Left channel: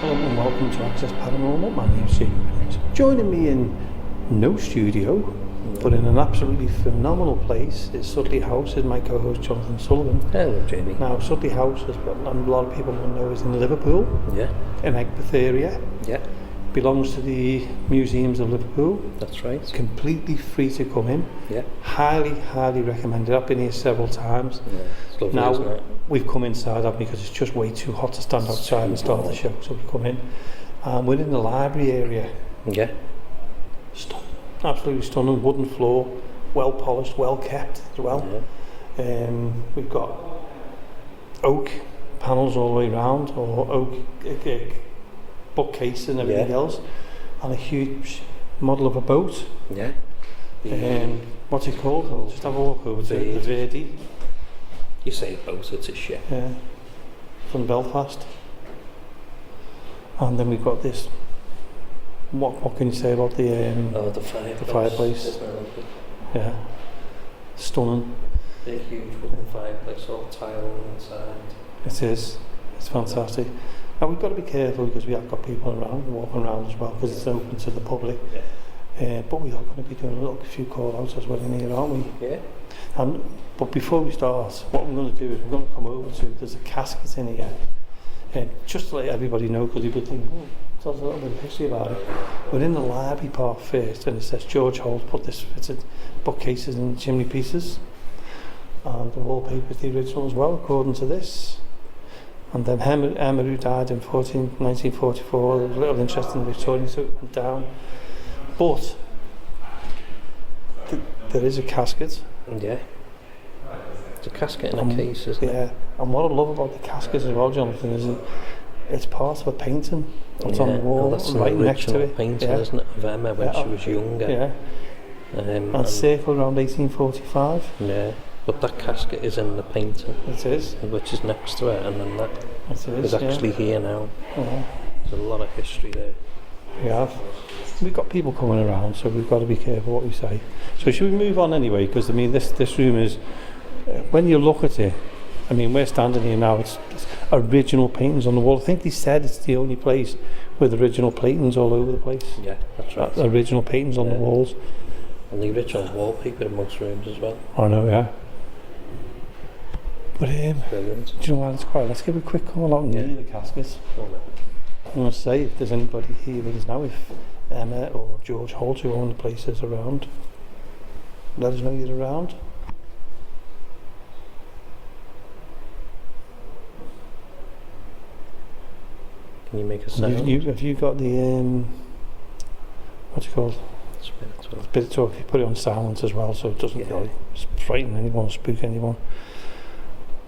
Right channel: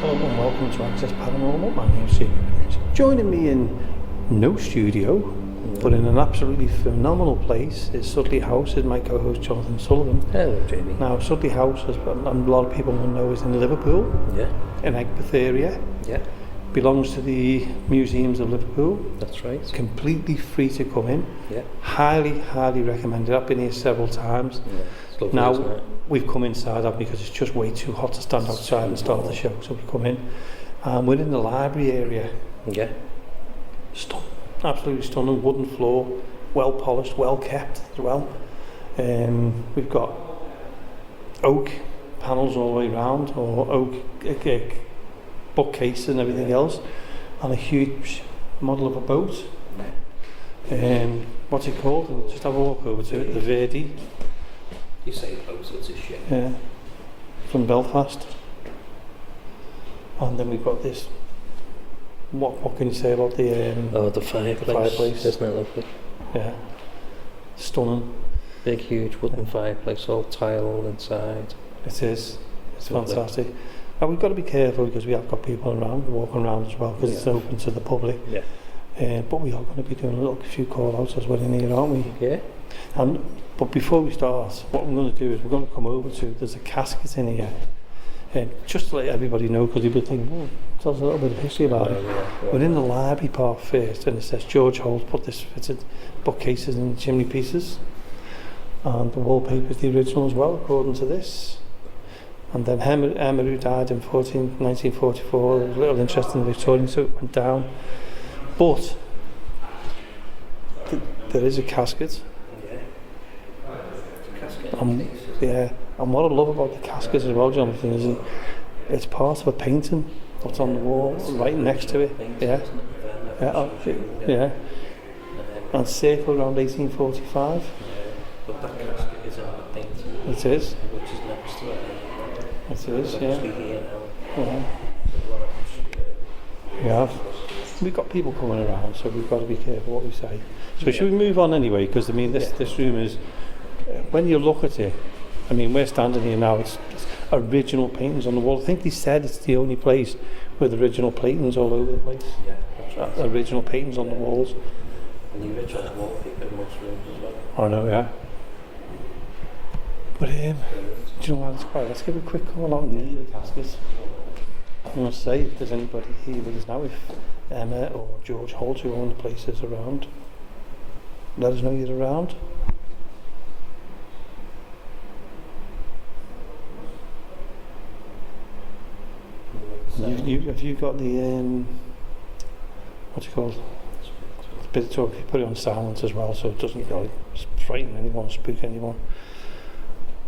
Hello and welcome to Access Paranormal. My name's Jamie. Joining me in no studio, but in an absolutely phenomenal place, is Sudley House, is my co-host Jonathan Sullivan. Hello, Jamie. Now, Sudley House, as a lot of people will know, is in Liverpool, in Egberth area. Yeah. Belongs to the Museums of Liverpool. That's right. Completely free to come in. Yeah. Highly recommended. I've been here several times. Yeah. It's lovely, now, isn't it? we've come inside because it's just way too hot to stand outside and start the show, so we come in. We're in the library area. Yeah. Absolutely stunning, wooden floor, well polished, well kept as well. Yeah. We've got oak panels all the way around, or oak bookcase and everything else, and a huge model of a boat. Yeah. What's it called? I'll just have a walk over to it. The Verdi. You say boat, it's a ship. Yeah. From Belfast. And then we've got this. What can you say about the the fireplace. The fireplace. Isn't it lovely? Yeah. Stunning. Big, huge wooden fireplace, all tiled inside. It is. It's fantastic. Now we've got to be careful because we have got people around, walking around as well, because it's open to the public. Yeah. But we are going to be doing a few call-outs as well in here, aren't we? Yeah. But before we start, what we're going to do is we're going to come over to, there's a casket in here. Just to let everybody know, because people think, tell us a little bit of history about it. We're in the library part first, and it says George Holt put this fitted bookcases and chimney pieces. And the wallpaper is the original as well, according to this. And then Emma, who died in 1944, there was a little interest in the Victorian, so it went down. But there is a casket. Yeah. It's a casket in a case, isn't it? Yeah. And what I love about the casket as well, Jonathan, is it's part of a painting that's on the wall, right next to it. Painting, isn't it? Of Emma when she was younger. Yeah. And circled around 1845. Yeah. But that casket is in the painting. It is. Which is next to it, and then that is actually here now. Yeah. There's a lot of history there. We have. We've got people coming around, so we've got to be careful what we say. So should we move on anyway? Because I mean, this room is, when you look at it, I mean, we're standing here now, it's original paintings on the wall. I think they said it's the only place with original paintings all over the place. Yeah, that's right. Original paintings on the walls. And the original wallpaper in most rooms as well. I know, yeah. But do you know what, let's give a quick call out near the caskets. I'm going to say, if there's anybody here with us now, if Emma or George Holt, who own the place, is around, let us know you're around. Can you make a sound? Have you got the, what's it called? Spiritual. If you put it on silence as well, so it doesn't really frighten anyone, spook anyone.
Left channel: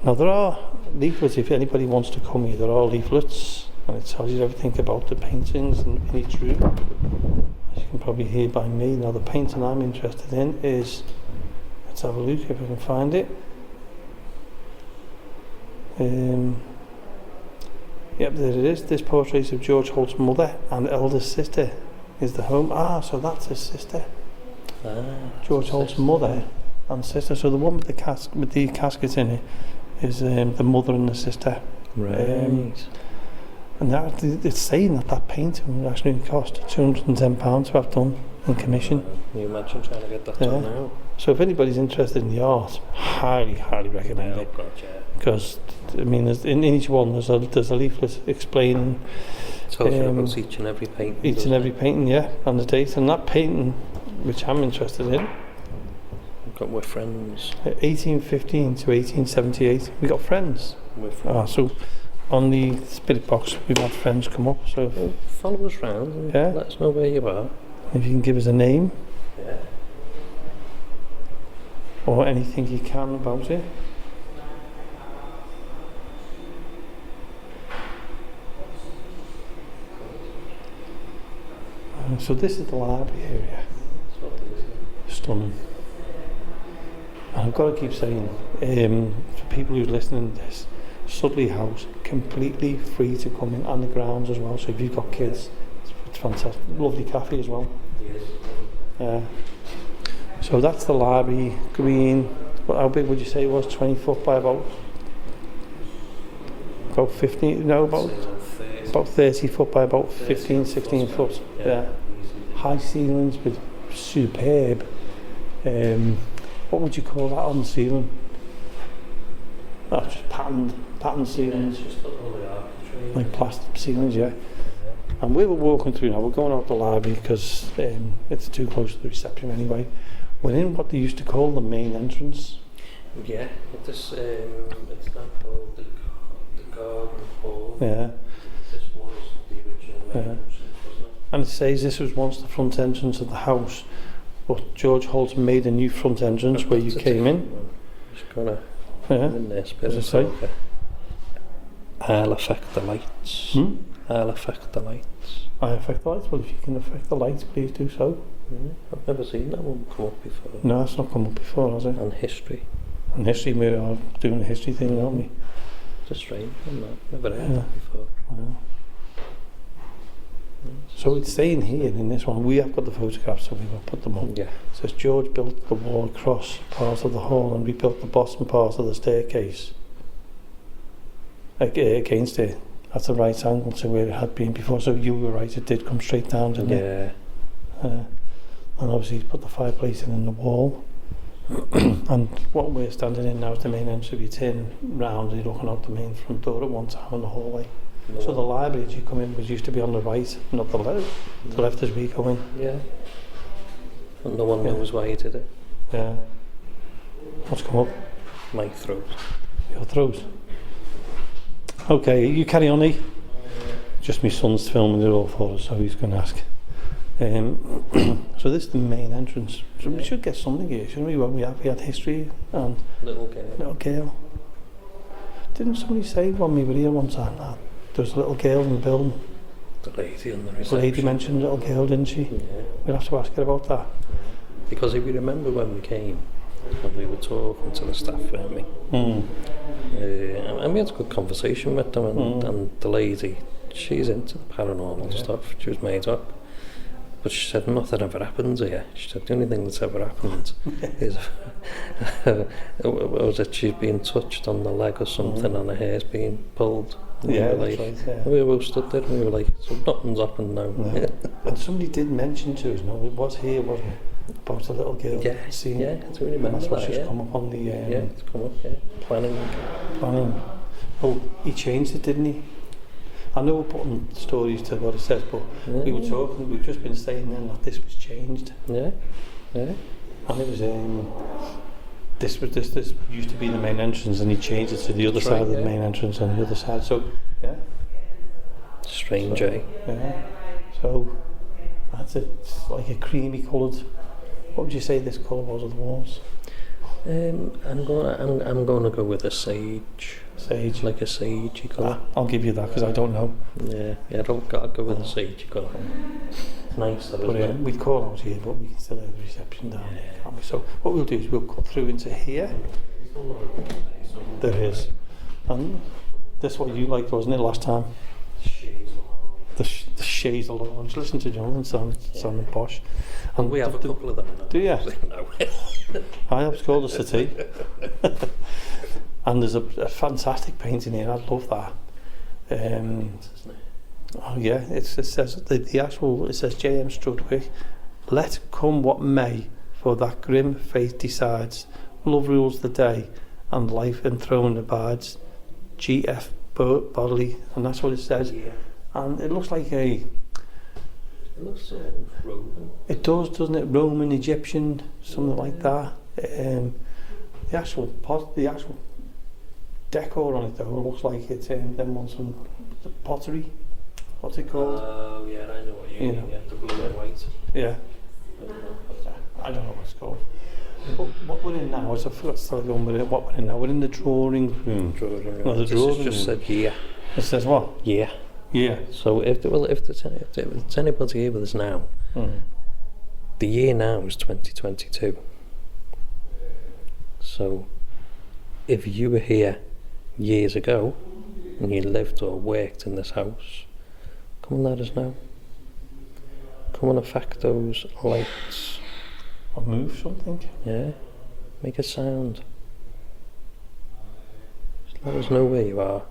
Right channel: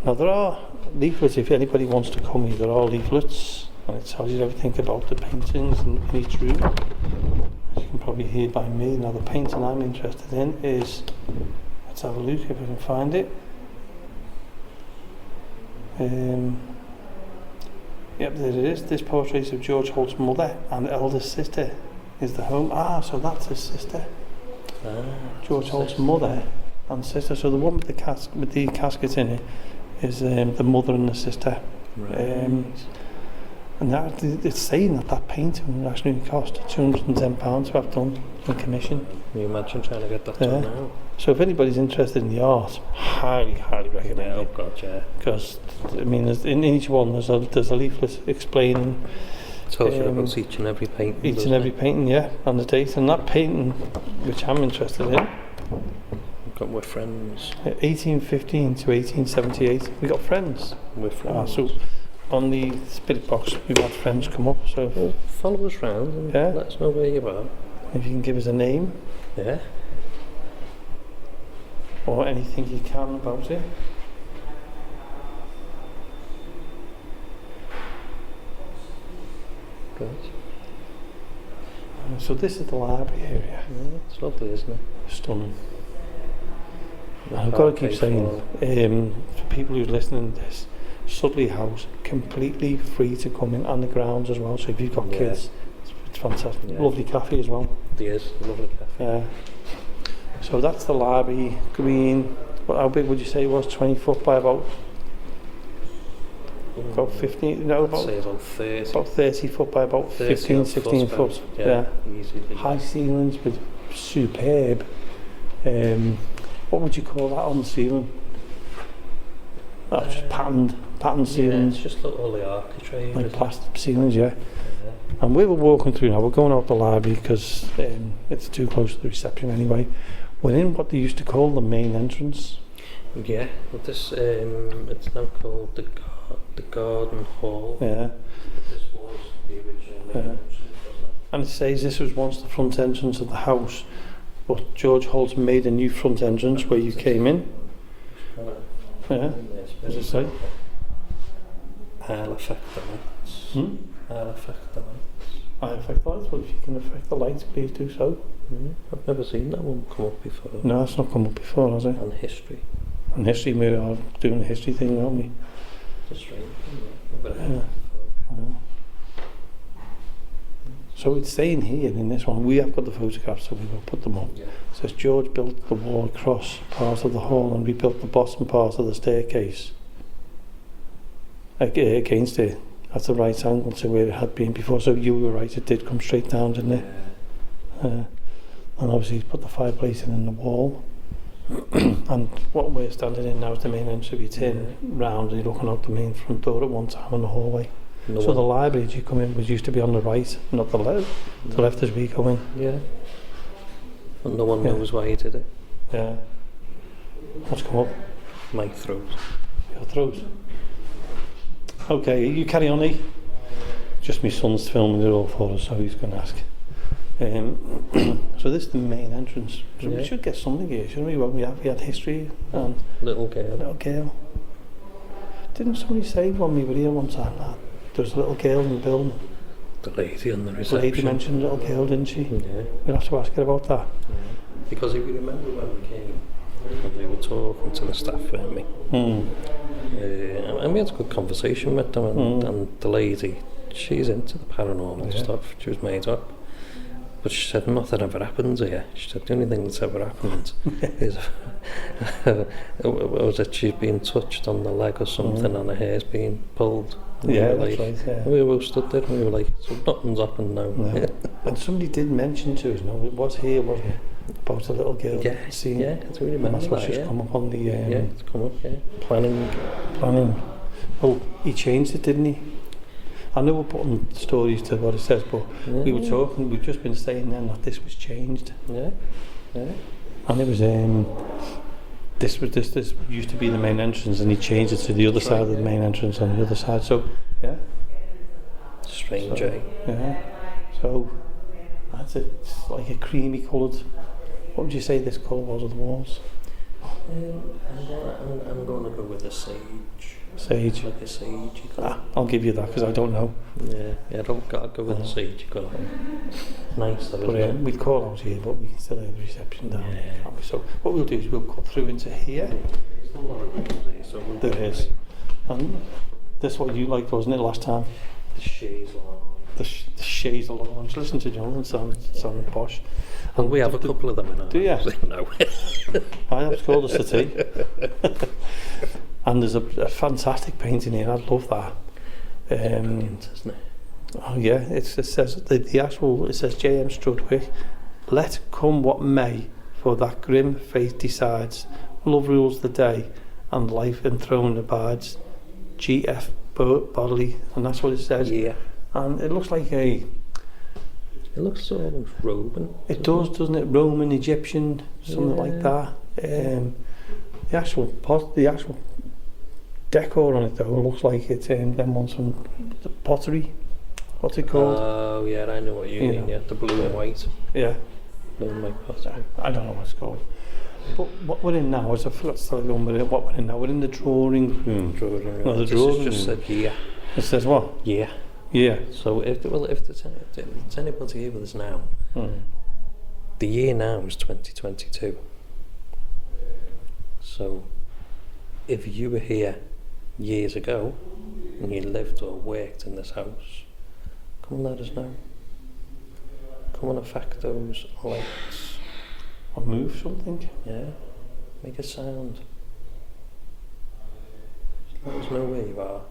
Now there are leaflets, if anybody wants to come here, there are leaflets, and it tells you everything about the paintings in each room. As you can probably hear by me. Now the painting I'm interested in is, let's have a look if I can find it. Yep, there it is. This portrait of George Holt's mother and eldest sister is the home. So that's his sister. George Holt's mother and sister. So the one with the casket in it is the mother and the sister. Right. And it's saying that painting would actually cost £210 to have done in commission. Can you imagine trying to get that done now? So if anybody's interested in the art, highly recommend it. Because I mean, in each one there's a leaflet explaining. Tells you about each and every painting. Each and every painting, yeah, and the date. And that painting, which I'm interested in, we're friends. 1815 to 1878. We got friends. We're friends. So on the spirit box, we've had friends come up. So follow us round and let us know where you are. If you can give us a name. Yeah. Or anything you can about it. Good. So this is the library area. It's lovely, isn't it? Stunning. And I've got to keep saying, for people who are listening to this, Sudley House, completely free to come in, and the grounds as well. So if you've got kids, it's fantastic. Lovely cafe as well. It is, lovely cafe. So that's the library, green. How big would you say it was? 20 foot by about about 15, no, I'd say about 30. about 30 foot by about 30 15, odd 16 foot. Yeah, easily. High ceilings with superb. What would you call that on the ceiling? That's just patterned ceilings. Yeah, it's just all the architrave. Like plastic ceilings, yeah. And we were walking through now, we're going out the library because it's too close to the reception anyway. We're in what they used to call the main entrance. Yeah, this it's now called the Garden Hall. Yeah. This was the original main entrance, wasn't it? And it says this was once the front entrance of the house, but George Holt made a new front entrance where you came in. Just gonna Yeah. in this bit. What does it say? I'll affect the lights. I'll affect the lights. I affect the lights. Well, if you can affect the lights, please do so. I've never seen that one come up before. No, it's not come up before, has it? And history. And history, we are doing the history thing, aren't we? It's a strange one, that. Never heard Yeah. it before. Yeah. So it's saying here in this one, we have got the photographs, so we will put them up. Yeah. It says George built the wall across part of the hall and rebuilt the bottom part of the staircase against it at the right angle to where it had been before. So you were right, it did come straight down, didn't it? Yeah. And obviously he's put the fireplace in the wall. And what we're standing in now is the main entrance. You turn round and you're looking out the main front door at one time in the hallway. So the library as you come in was used to be on the right, not the left. The left as we go in. Yeah. And no one knows why he did it. Yeah. What's come up? My throat. Your throat. Okay, you carry on, eh? Just my son's filming it all for us, so he's going to ask. So this is the main entrance. So we should get something here, shouldn't we? We had history and Little girl. little girl. Didn't somebody say when we were here one time that there was a little girl in the building? The lady on the The reception. lady mentioned a little girl, didn't she? Yeah. We'll have to ask her about that. Yeah. Because if you remember when we came, and we were talking to the staff, weren't we? And we had a good conversation with them, and the lady, she's into the paranormal stuff. She was made up. But she said nothing ever happens here. She said the only thing that's ever happened is was that she's been touched on the leg or something and her hair's been pulled. And Yeah, we were that's like, right, yeah. We were stood there and we were like, so nothing's happened now. No. And somebody did mention to us, no, it was here, wasn't it? About a little girl seeing. Yeah, I do remember That's what that, she's come up on the it's come up, planning. Oh, he changed it, didn't he? I know we're putting stories to what it says, but we were talking, we've just been saying then that this was changed. Yeah. And it was this used to be the main entrance, and he changed it to the other side of the main entrance on the other side. So Strange, so, So that's it. It's like a creamy coloured. What would you say this colour was of the walls? I'm gonna go with a sage. Sage. Like a sagey colour. I'll give you that because I don't know. Yeah, I'll go with a sagey colour. Nice, that But isn't it? we'd call out here, but we can still hear the reception down here, can't we? So what we'll do is we'll cut through into here. There is. And this is what you liked, wasn't it, last time? The Shays Lounge. Listen to Jonathan, sounding posh. And we have a couple of them in our Do you? No. I have, it's called a settee. And there's a fantastic painting here, I love that. Isn't it? Oh yeah, it says the actual, it says J.M. Strudwick, let come what may, for that grim fate decides, love rules the day, and life enthroned abides. G.F. Bodley, and that's what it says. Yeah. And it looks like It looks sort of Roman. it does, doesn't it? Roman, Egyptian, something like that. The actual decor on it though looks like it's them ones from the pottery. What's it called? Oh yeah, I know what you mean. Yeah, the blue and white. Yeah. Blue and white pottery. I don't know what it's called. But what we're in now is, I forgot to tell you what we're in now. We're in the drawing room. Drawing room. No, the This drawing has just room. said yeah. It says what? Yeah. Yeah. So if there's anybody here with us now, the year now is 2022. So if you were here years ago and you lived or worked in this house, come and let us know. Come and affect those lights. Or move something. Yeah, make a sound. Just let us know where you are.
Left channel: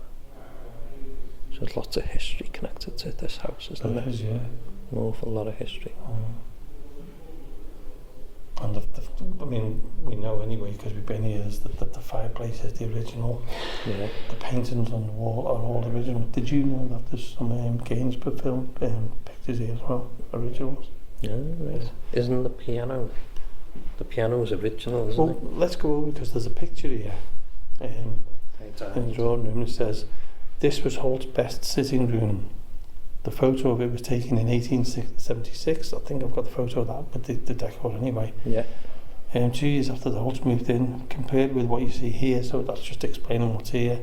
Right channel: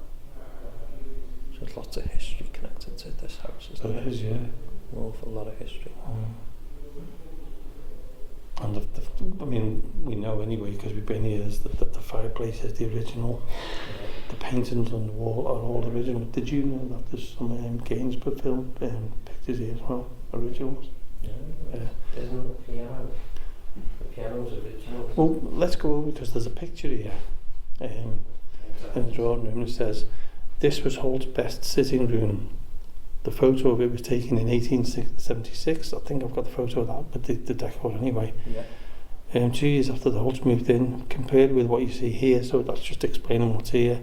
There's lots of history connected to this house, isn't there? There is, yeah. An awful lot of history. And I mean, we know anyway, because we've been here, is that the fireplace is the original. Yeah. The paintings on the wall are all original. Did you know that there's some Gainsborough film pictures here as well, originals? Yeah, right. Isn't the piano? The piano's original, isn't Well, it? let's go over, because there's a picture here in the drawing room. It says, "This was Holt's best sitting room." The photo of it was taken in 1876. I think I've got the photo of that, but the decor anyway. Yeah. 2 years after the Holts moved in, compared with what you see here, so that's just explaining what's here.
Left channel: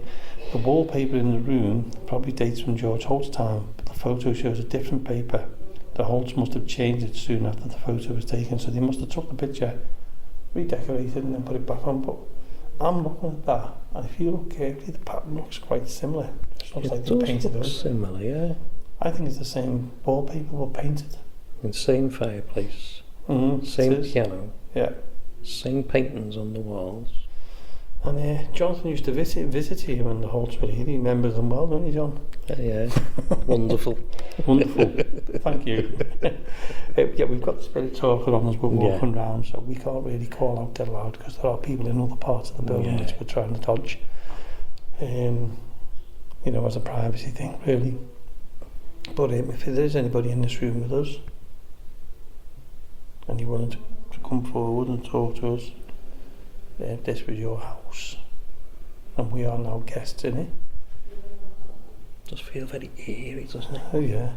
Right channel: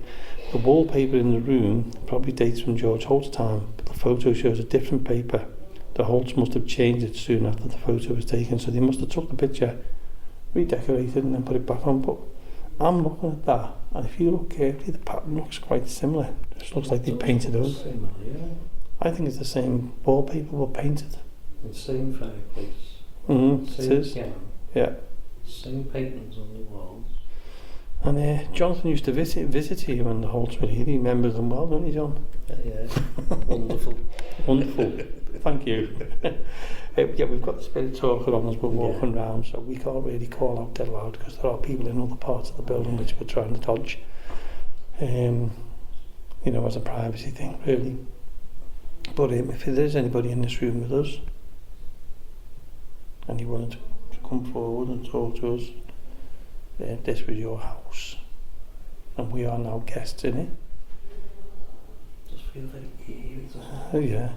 The wallpaper in the room probably dates from George Holt's time, but the photo shows a different paper. The Holts must have changed it soon after the photo was taken, so they must have took the picture, redecorated and then put it back on. But I'm looking at that, and if you look carefully, the pattern looks quite similar. It just looks like they painted it. Similar, yeah. I think it's the same wallpaper but painted. And same fireplace. Mm-hmm. Same piano. Yeah. Same paintings on the walls. And Jonathan used to visit here when the Holts were here. He remembers them well, don't you, John? Yeah. Wonderful. Wonderful. Thank you. Yeah, we've got the spirit talker on as we're walking round, so we can't really call out dead loud because there are people in other parts of the building which we're trying to dodge. You know, as a privacy thing, really. But if there is anybody in this room with us, and you're willing to come forward and talk to us, this was your house, and we are now guests in it. Does feel very eerie, doesn't it? Oh yeah.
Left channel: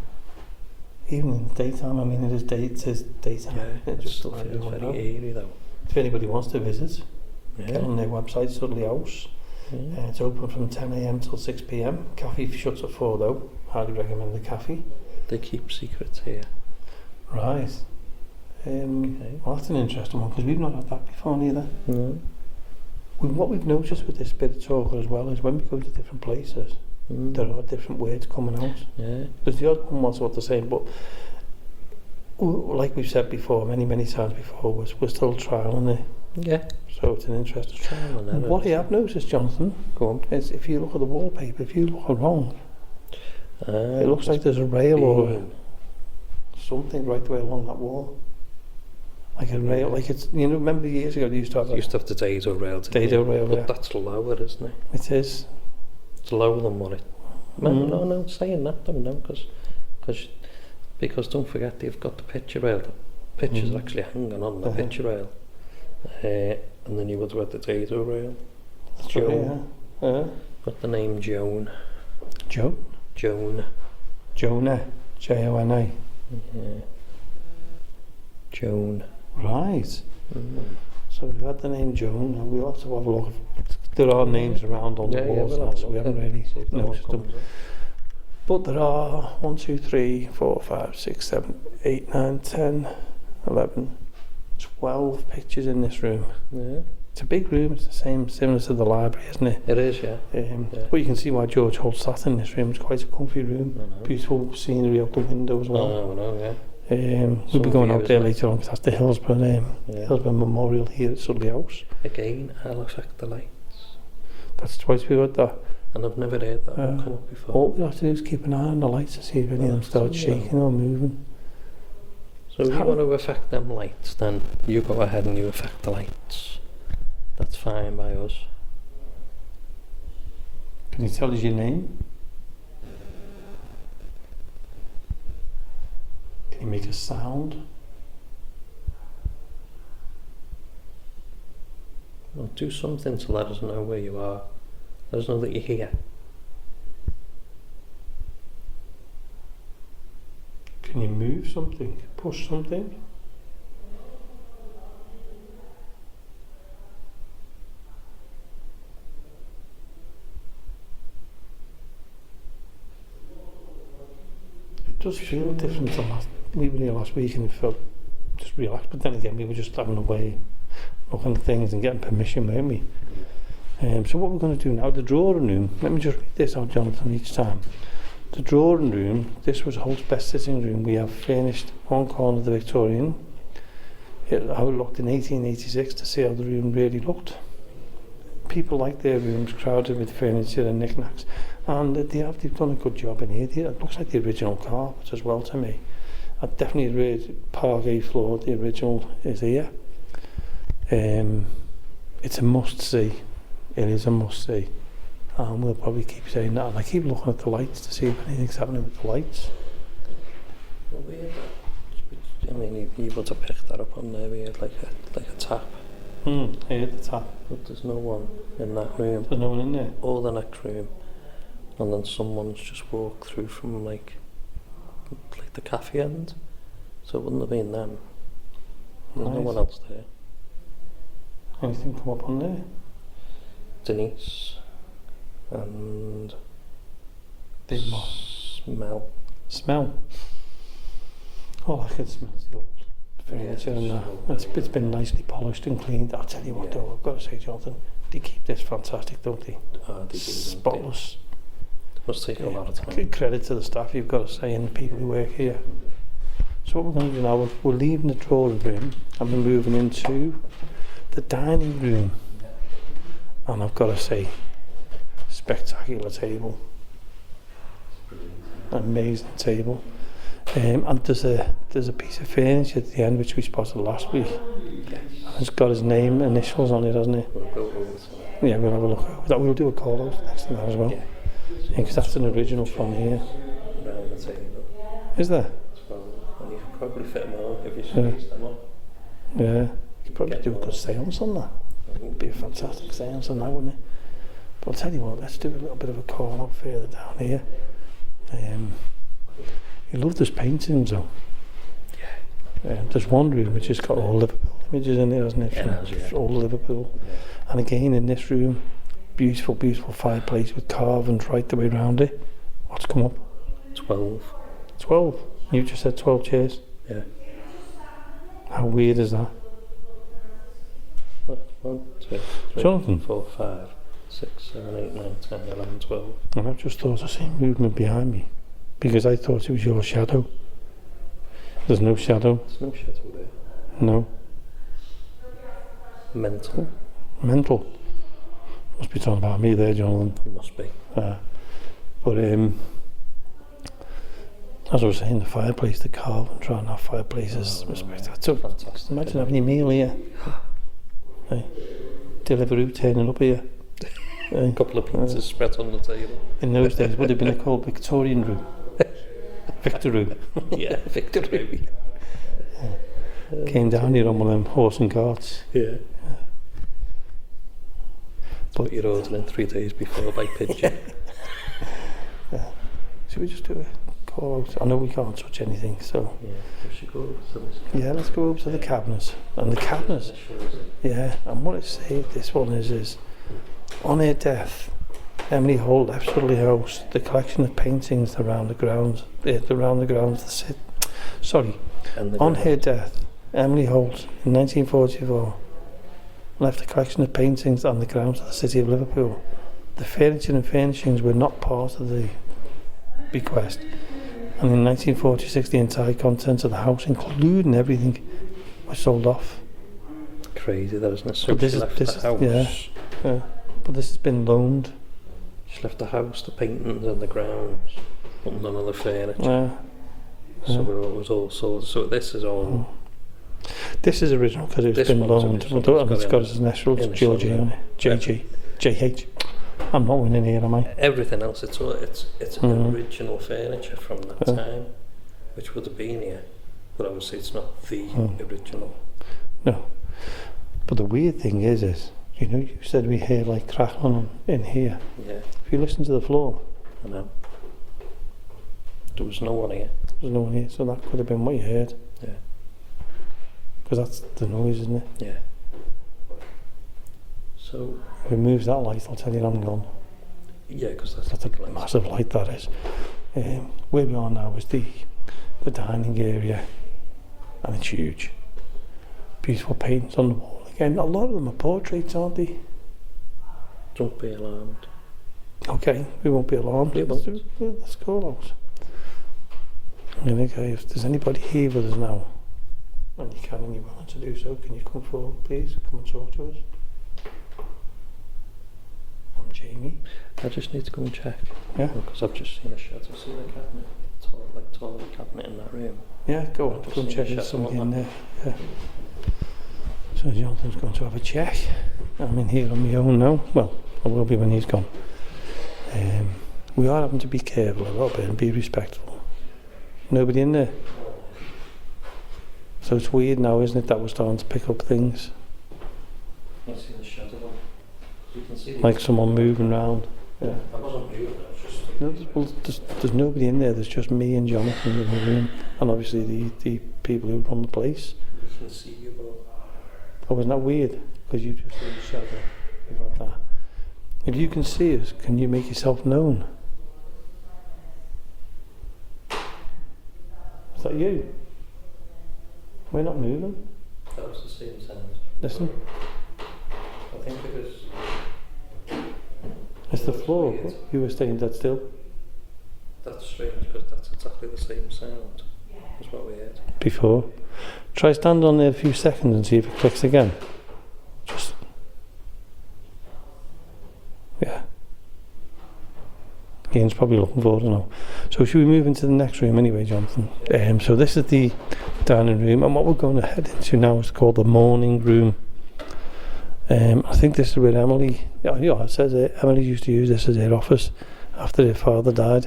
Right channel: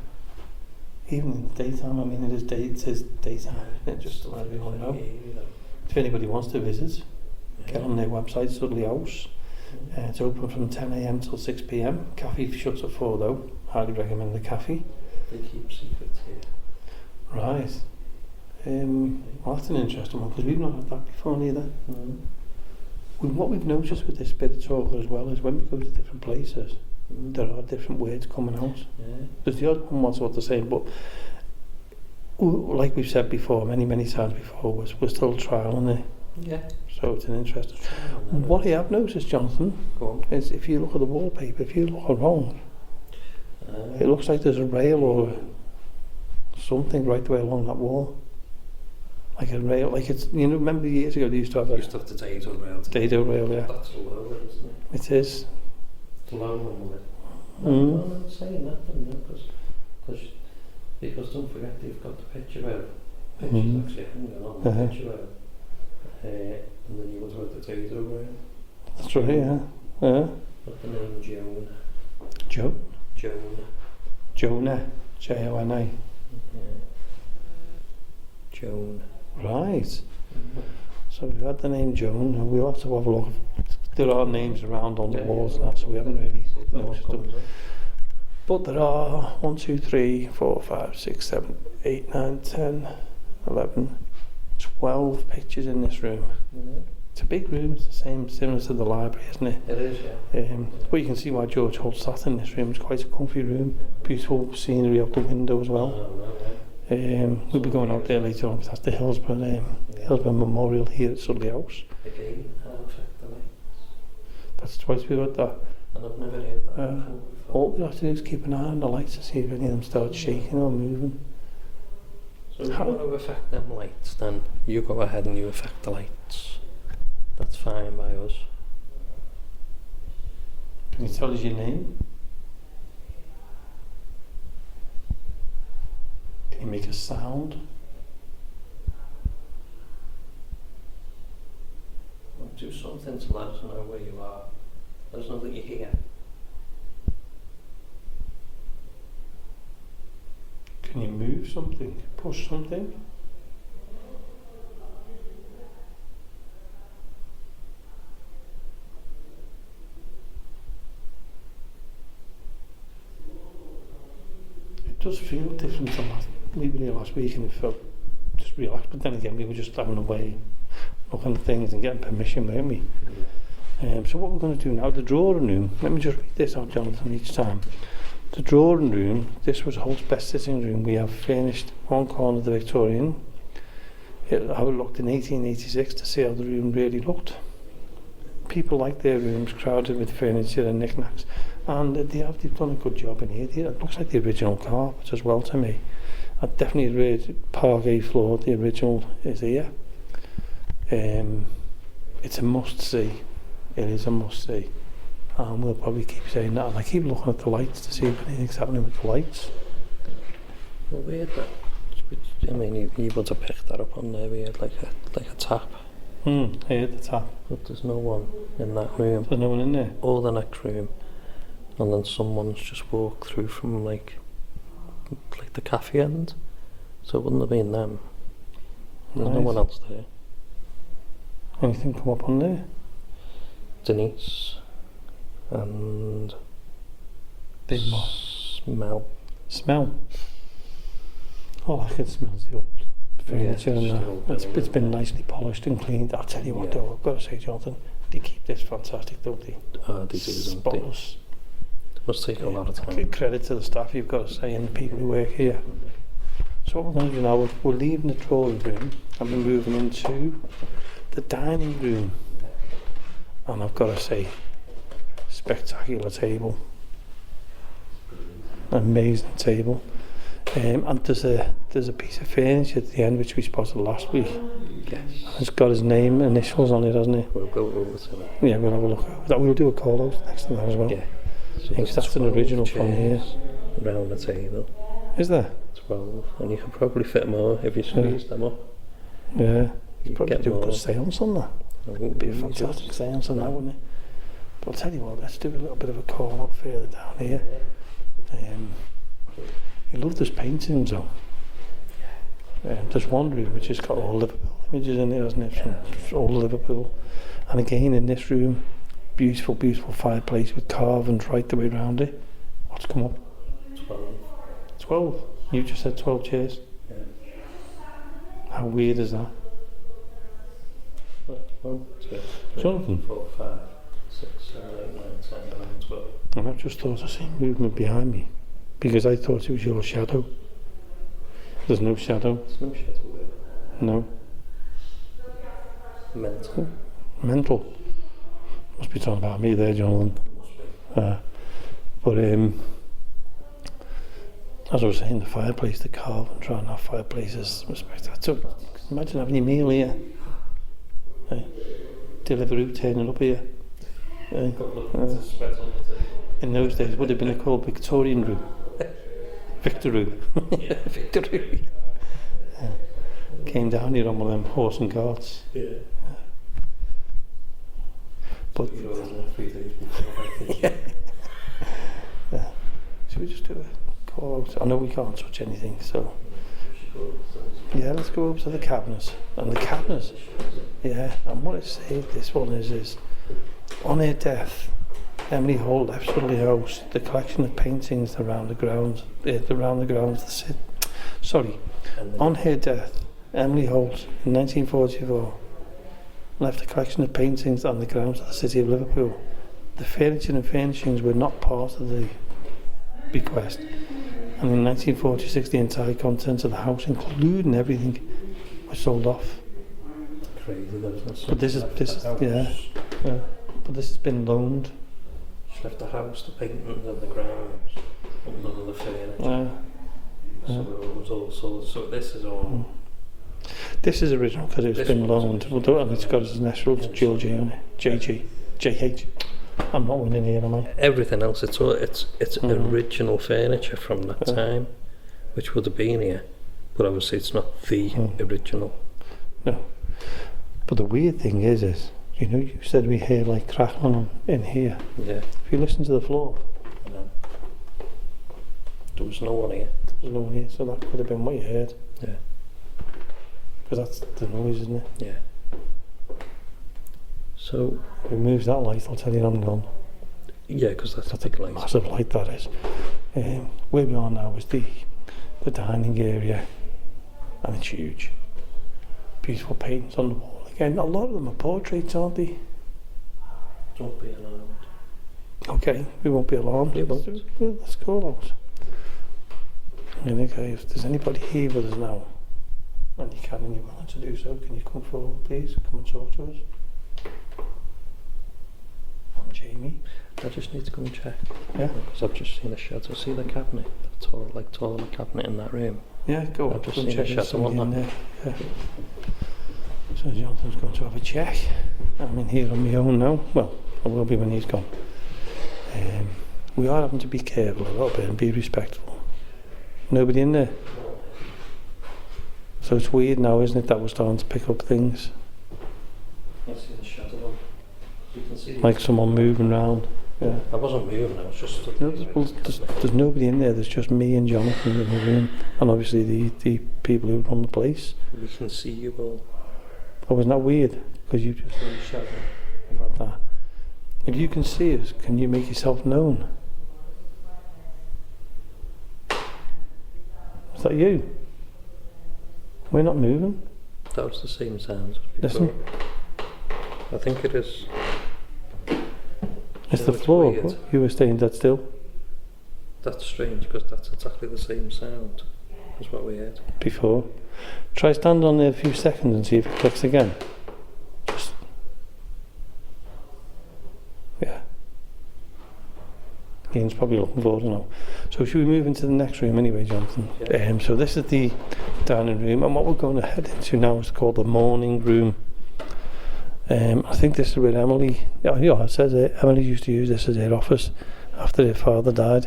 Even in the daytime, I mean, it says daytime. Yeah, It just still let feels everyone very know. eerie though. If anybody wants to visit, get on their website, Sudley House. Yeah. It's open from 10 a.m. till 6 p.m. Cafe shuts at 4 though. Highly recommend the cafe. They keep secrets here. Right. Well, that's an interesting one because we've not had that before neither. What we've noticed with this spirit talker as well is when we go to different places, there are different words coming out. Yeah. There's the odd one what's the same, but like we've said before, many times before, we're still trialing it. Yeah. So it's an interesting. Trial. What I have noticed, Jonathan, Go on. is if you look at the wallpaper, if you look wrong, it looks like there's a rail or something right the way along that wall. Like a rail, like it's, you know, remember years ago they used to have the dado rail. dado rail, But yeah. that's lower, isn't it? It is. It's lower than what it... Mm. No, saying that, no, because don't forget they've got the picture rail. The picture's actually hanging on the picture rail. And then you've got the dado rail. That's right, yeah. Got the name Joan. Joan? Joan. Jonah. Jona. Yeah. Joan. Right. So we've had the name Joan, and we'll have to have a look. There are names around on the walls now, so we haven't really noticed them. But there are 1, 2, 3, 4, 5, 6, 7, 8, 9, 10, 11, 12 pictures in this room. Yeah. It's a big room, it's the same, similar to the library, isn't it? It is, yeah. But you can see why George Holt sat in this room. It's quite a comfy room. Beautiful scenery out the window as well. We'll be going out there later on because that's the Hillsborough Memorial here at Sudley House. Again, I'll affect the lights. That's twice we've had that. And I've never heard that come up before. All we have to do is keep an eye on the lights to see if any of them start shaking or moving. So if you want to affect them lights, then you go ahead and you affect the lights. That's fine by us. Can you tell us your name? Can you make a sound? Well, do something to let us know where you are. Let us know that you're here. Can you move something? Push something? It does feel different to last week, and it felt just relaxed. But then again, we were just having a way, looking at things and getting permission, weren't we? So what we're going to do now, the drawing room. Let me just read this out, Jonathan, each time. The drawing room, this was Holt's best sitting room. We have furnished one corner of the Victorian. How it looked in 1886 to see how the room really looked. People liked their rooms crowded with furniture and knickknacks. And they've done a good job in here. It looks like the original carpet as well to me. I definitely read parquet floor, the original is here. It's a must-see. It is a must-see. And we'll probably keep saying that. And I keep looking at the lights to see if anything's happening with the lights. Well, weird that. I mean, you would have picked that up on there. We had like a tap. Here at the top. But there's no one in that room. There's no one in there? Or the next room. And then someone's just walked through from like the cafe end. So it wouldn't have been them. There's no one else there. Anything come up on there? Denise and Big Mom. Smell? All I can smell is the old furniture and that. It's been nicely polished and cleaned. I'll tell you what though, I've got to say, Jonathan, they keep this fantastic, don't they? They do. Spotless. It must take a lot of time. Credit to the staff, you've got to say, and the people who work here. So what we're going to do now, we're leaving the drawing room and we're moving into the dining room. And I've got to say, spectacular table. Amazing table. And there's a piece of furniture at the end which we spotted last week. Yes. And it's got his name, initials on it, hasn't it? We'll go over to that. Yeah, we'll have a look over that. We'll do a call out next to that as well. Yeah. Because that's an original from here. Round the table. Is there? 12. And you can probably fit more if you squeeze them up. Yeah. You probably Get do a more. good seance on that. It It'd be a fantastic seance on that, wouldn't it? But I'll tell you what, let's do a little bit of a call out further down here. You love this paintings though. Yeah. There's one room which has got all Liverpool images in there, hasn't it? From all Liverpool. And again in this room, beautiful, beautiful fireplace with carvings right the way around it. What's come up? 12. 12? You just said 12 chairs? Yeah. How weird is that? 1, 2, 3, Jonathan? 4, 5, 6, 7, 8, 9, 10, 11, 12. And I've just thought I seen movement behind me because I thought it was your shadow. There's no shadow. There's no shadow there. No. Mental. Must be talking about me there, Jonathan. It must be. But as I was saying, the fireplace, the carvings around that fireplace is respected. So imagine having your meal here. Hey, Deliveroo turning up here. A couple of pizzas spread on the table. In those days, would have been called Victorian room. Victor room. Yeah, Victor room. Came down here on one of them horse and carts. Yeah. But you're ordering 3 days before by pigeon. Yeah. Should we just do a call out? I know we can't touch anything, so yeah, let's go over to the cabinets. And the cabinets, yeah, and what it said, this one is on her death, Emily Holt left Sudley House the collection of paintings around the grounds, on her death, Emily Holt in 1944 left a collection of paintings on the grounds of the city of Liverpool. The furniture and furnishings were not part of the bequest, and in 1946 the entire contents of the house, including everything, was sold off. Crazy, that isn't it? But this is yeah. But this has been loaned. She left the house, the paintings and the grounds, but none of the furniture. So it was all sold. So this is all. This is original because it's been loaned. And it's got its initials, Georgie on it. JG. JH. I'm not winning here, am I? Everything else, it's original furniture from that time, which would have been here. But obviously it's not the original. No. But the weird thing is, you know, you said we hear like crackling in here. Yeah. If you listen to the floor. I know. There was no one here. There's no one here, so that could have been what you heard. Yeah. Because that's the noise, isn't it? Yeah. So if we move that light, I'll tell you I'm gone. Yeah, because that's a massive light, that is. Where we are now is the dining area, and it's huge. Beautiful paintings on the wall. Again, a lot of them are portraits, aren't they? Don't be alarmed. Okay, we won't be alarmed. We won't. Let's go out. Okay, if there's anybody here with us now, and you can and you're willing to do so, can you come forward, please? Come and talk to us. And Jamie. I just need to go and check. Yeah. Because I've just seen a shadow. See the cabinet? The tall cabinet in that room. Yeah, go up just and seen check a there's shadow somebody on in that. there. Yeah. So Jonathan's going to have a check. I'm in here on my own now. Well, I will be when he's gone. We are having to be careful a little bit and be respectful. Nobody in there. So it's weird now, isn't it, that we're starting to pick up things. I see the shadow on. You can see Like someone moving around. Yeah. I wasn't moving, I was just... No, there's nobody in there. There's just me and Jonathan in the room, and obviously the people who run the place. We can see you all. Oh, isn't that weird? Because you just really shadow about that. If you can see us, can you make yourself known? Is that you? We're not moving. That was the same sound. Listen. I think it is. It's Yeah, the it's floor. weird. You were staying dead still That's strange because that's exactly the same sound as what we heard. before. Try stand on there a few seconds and see if it clicks again. Just. Yeah. Ian's probably looking forward to know. So should we move into the next room anyway, Jonathan? Yeah. So this is the dining room, and what we're going to head into now is called the morning room. I think this is where Emily, it says it, Emily used to use this as her office after her father died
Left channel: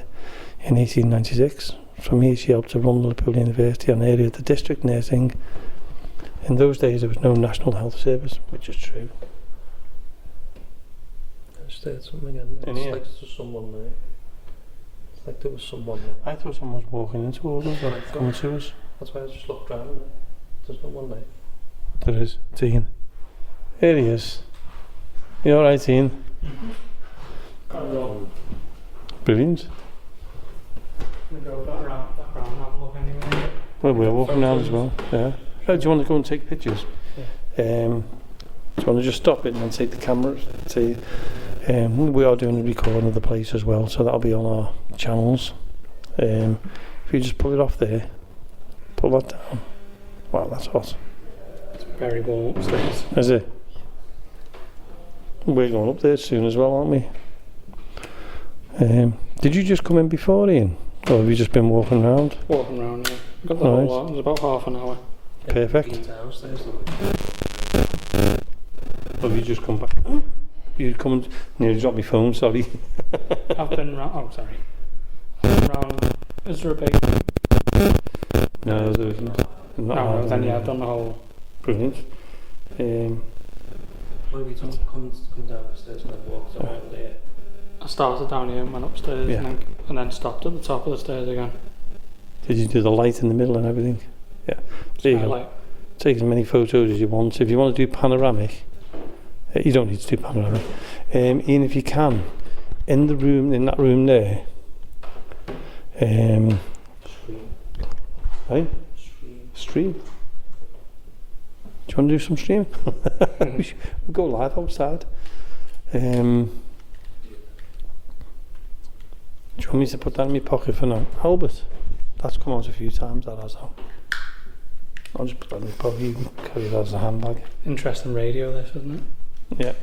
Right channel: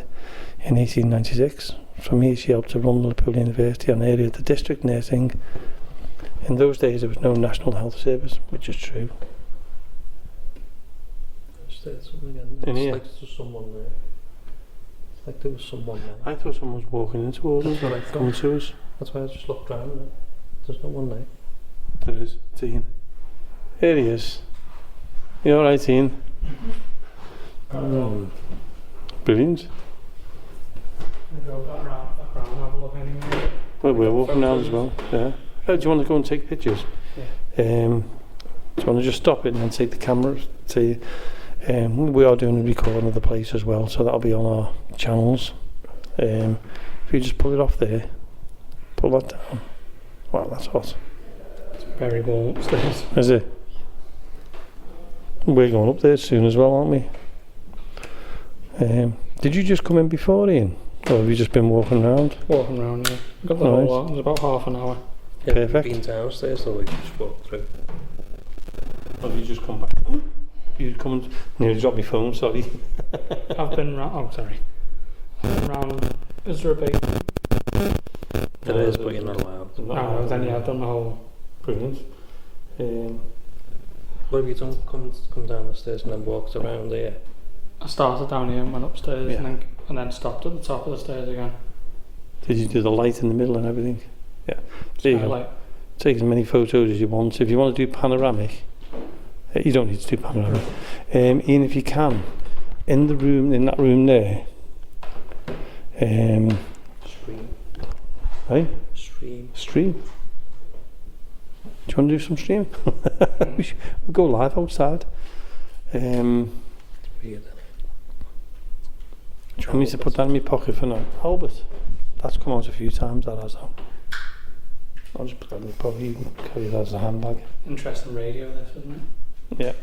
in 1896. From here she helped to run Liverpool University and area of the district nursing. In those days there was no national health service, which is true. I just heard something again. In It's here? like there's someone there. It's like there was someone there. I thought someone was walking in towards us, Right, coming to us. That's why I just looked round. There's no one there. There is, it's Ian. Here he is. You alright, Ian? Brilliant. We'll go back round and have a look anyway. Well, we're walking around as well. Yeah. Oh, do you want to go and take pictures? Yeah. Do you want to just stop it and then take the camera? We are doing a recording of the place as well, so that'll be on our channels. If you just pull it off there, pull that down. Wow, that's hot. It's very warm upstairs. Is it? We're going up there soon as well, aren't we? Did you just come in before, Ian? Or have you just been walking around? Walking around, yeah. Got the Nice. whole lot. It was about half an hour. Yeah, Perfect. Been downstairs the week before. Or have you just come back? You come and nearly dropped my phone, sorry. I've been round. Oh, sorry. I've been round. Is there a big? No, there's but you're not allowed. No, then yeah, I've done the whole. Brilliant. What have you done? Come down the stairs and then walked around there? I started down here and went upstairs Yeah. and then stopped at the top of the stairs again. Did you do the light in the middle and everything? Yeah. There you go. Like, Take as many photos as you want. If you want to do panoramic, you don't need to do panoramic. Ian, if you can, in the room, in that room there. Stream. Right? Stream. Do you want to do some stream? We'll go live outside. Do you want me to put that in my pocket for now? Albert, that's come out a few times, that has now. I'll just put that in my pocket. You can carry that as a handbag. interesting radio, this, isn't it? Yeah.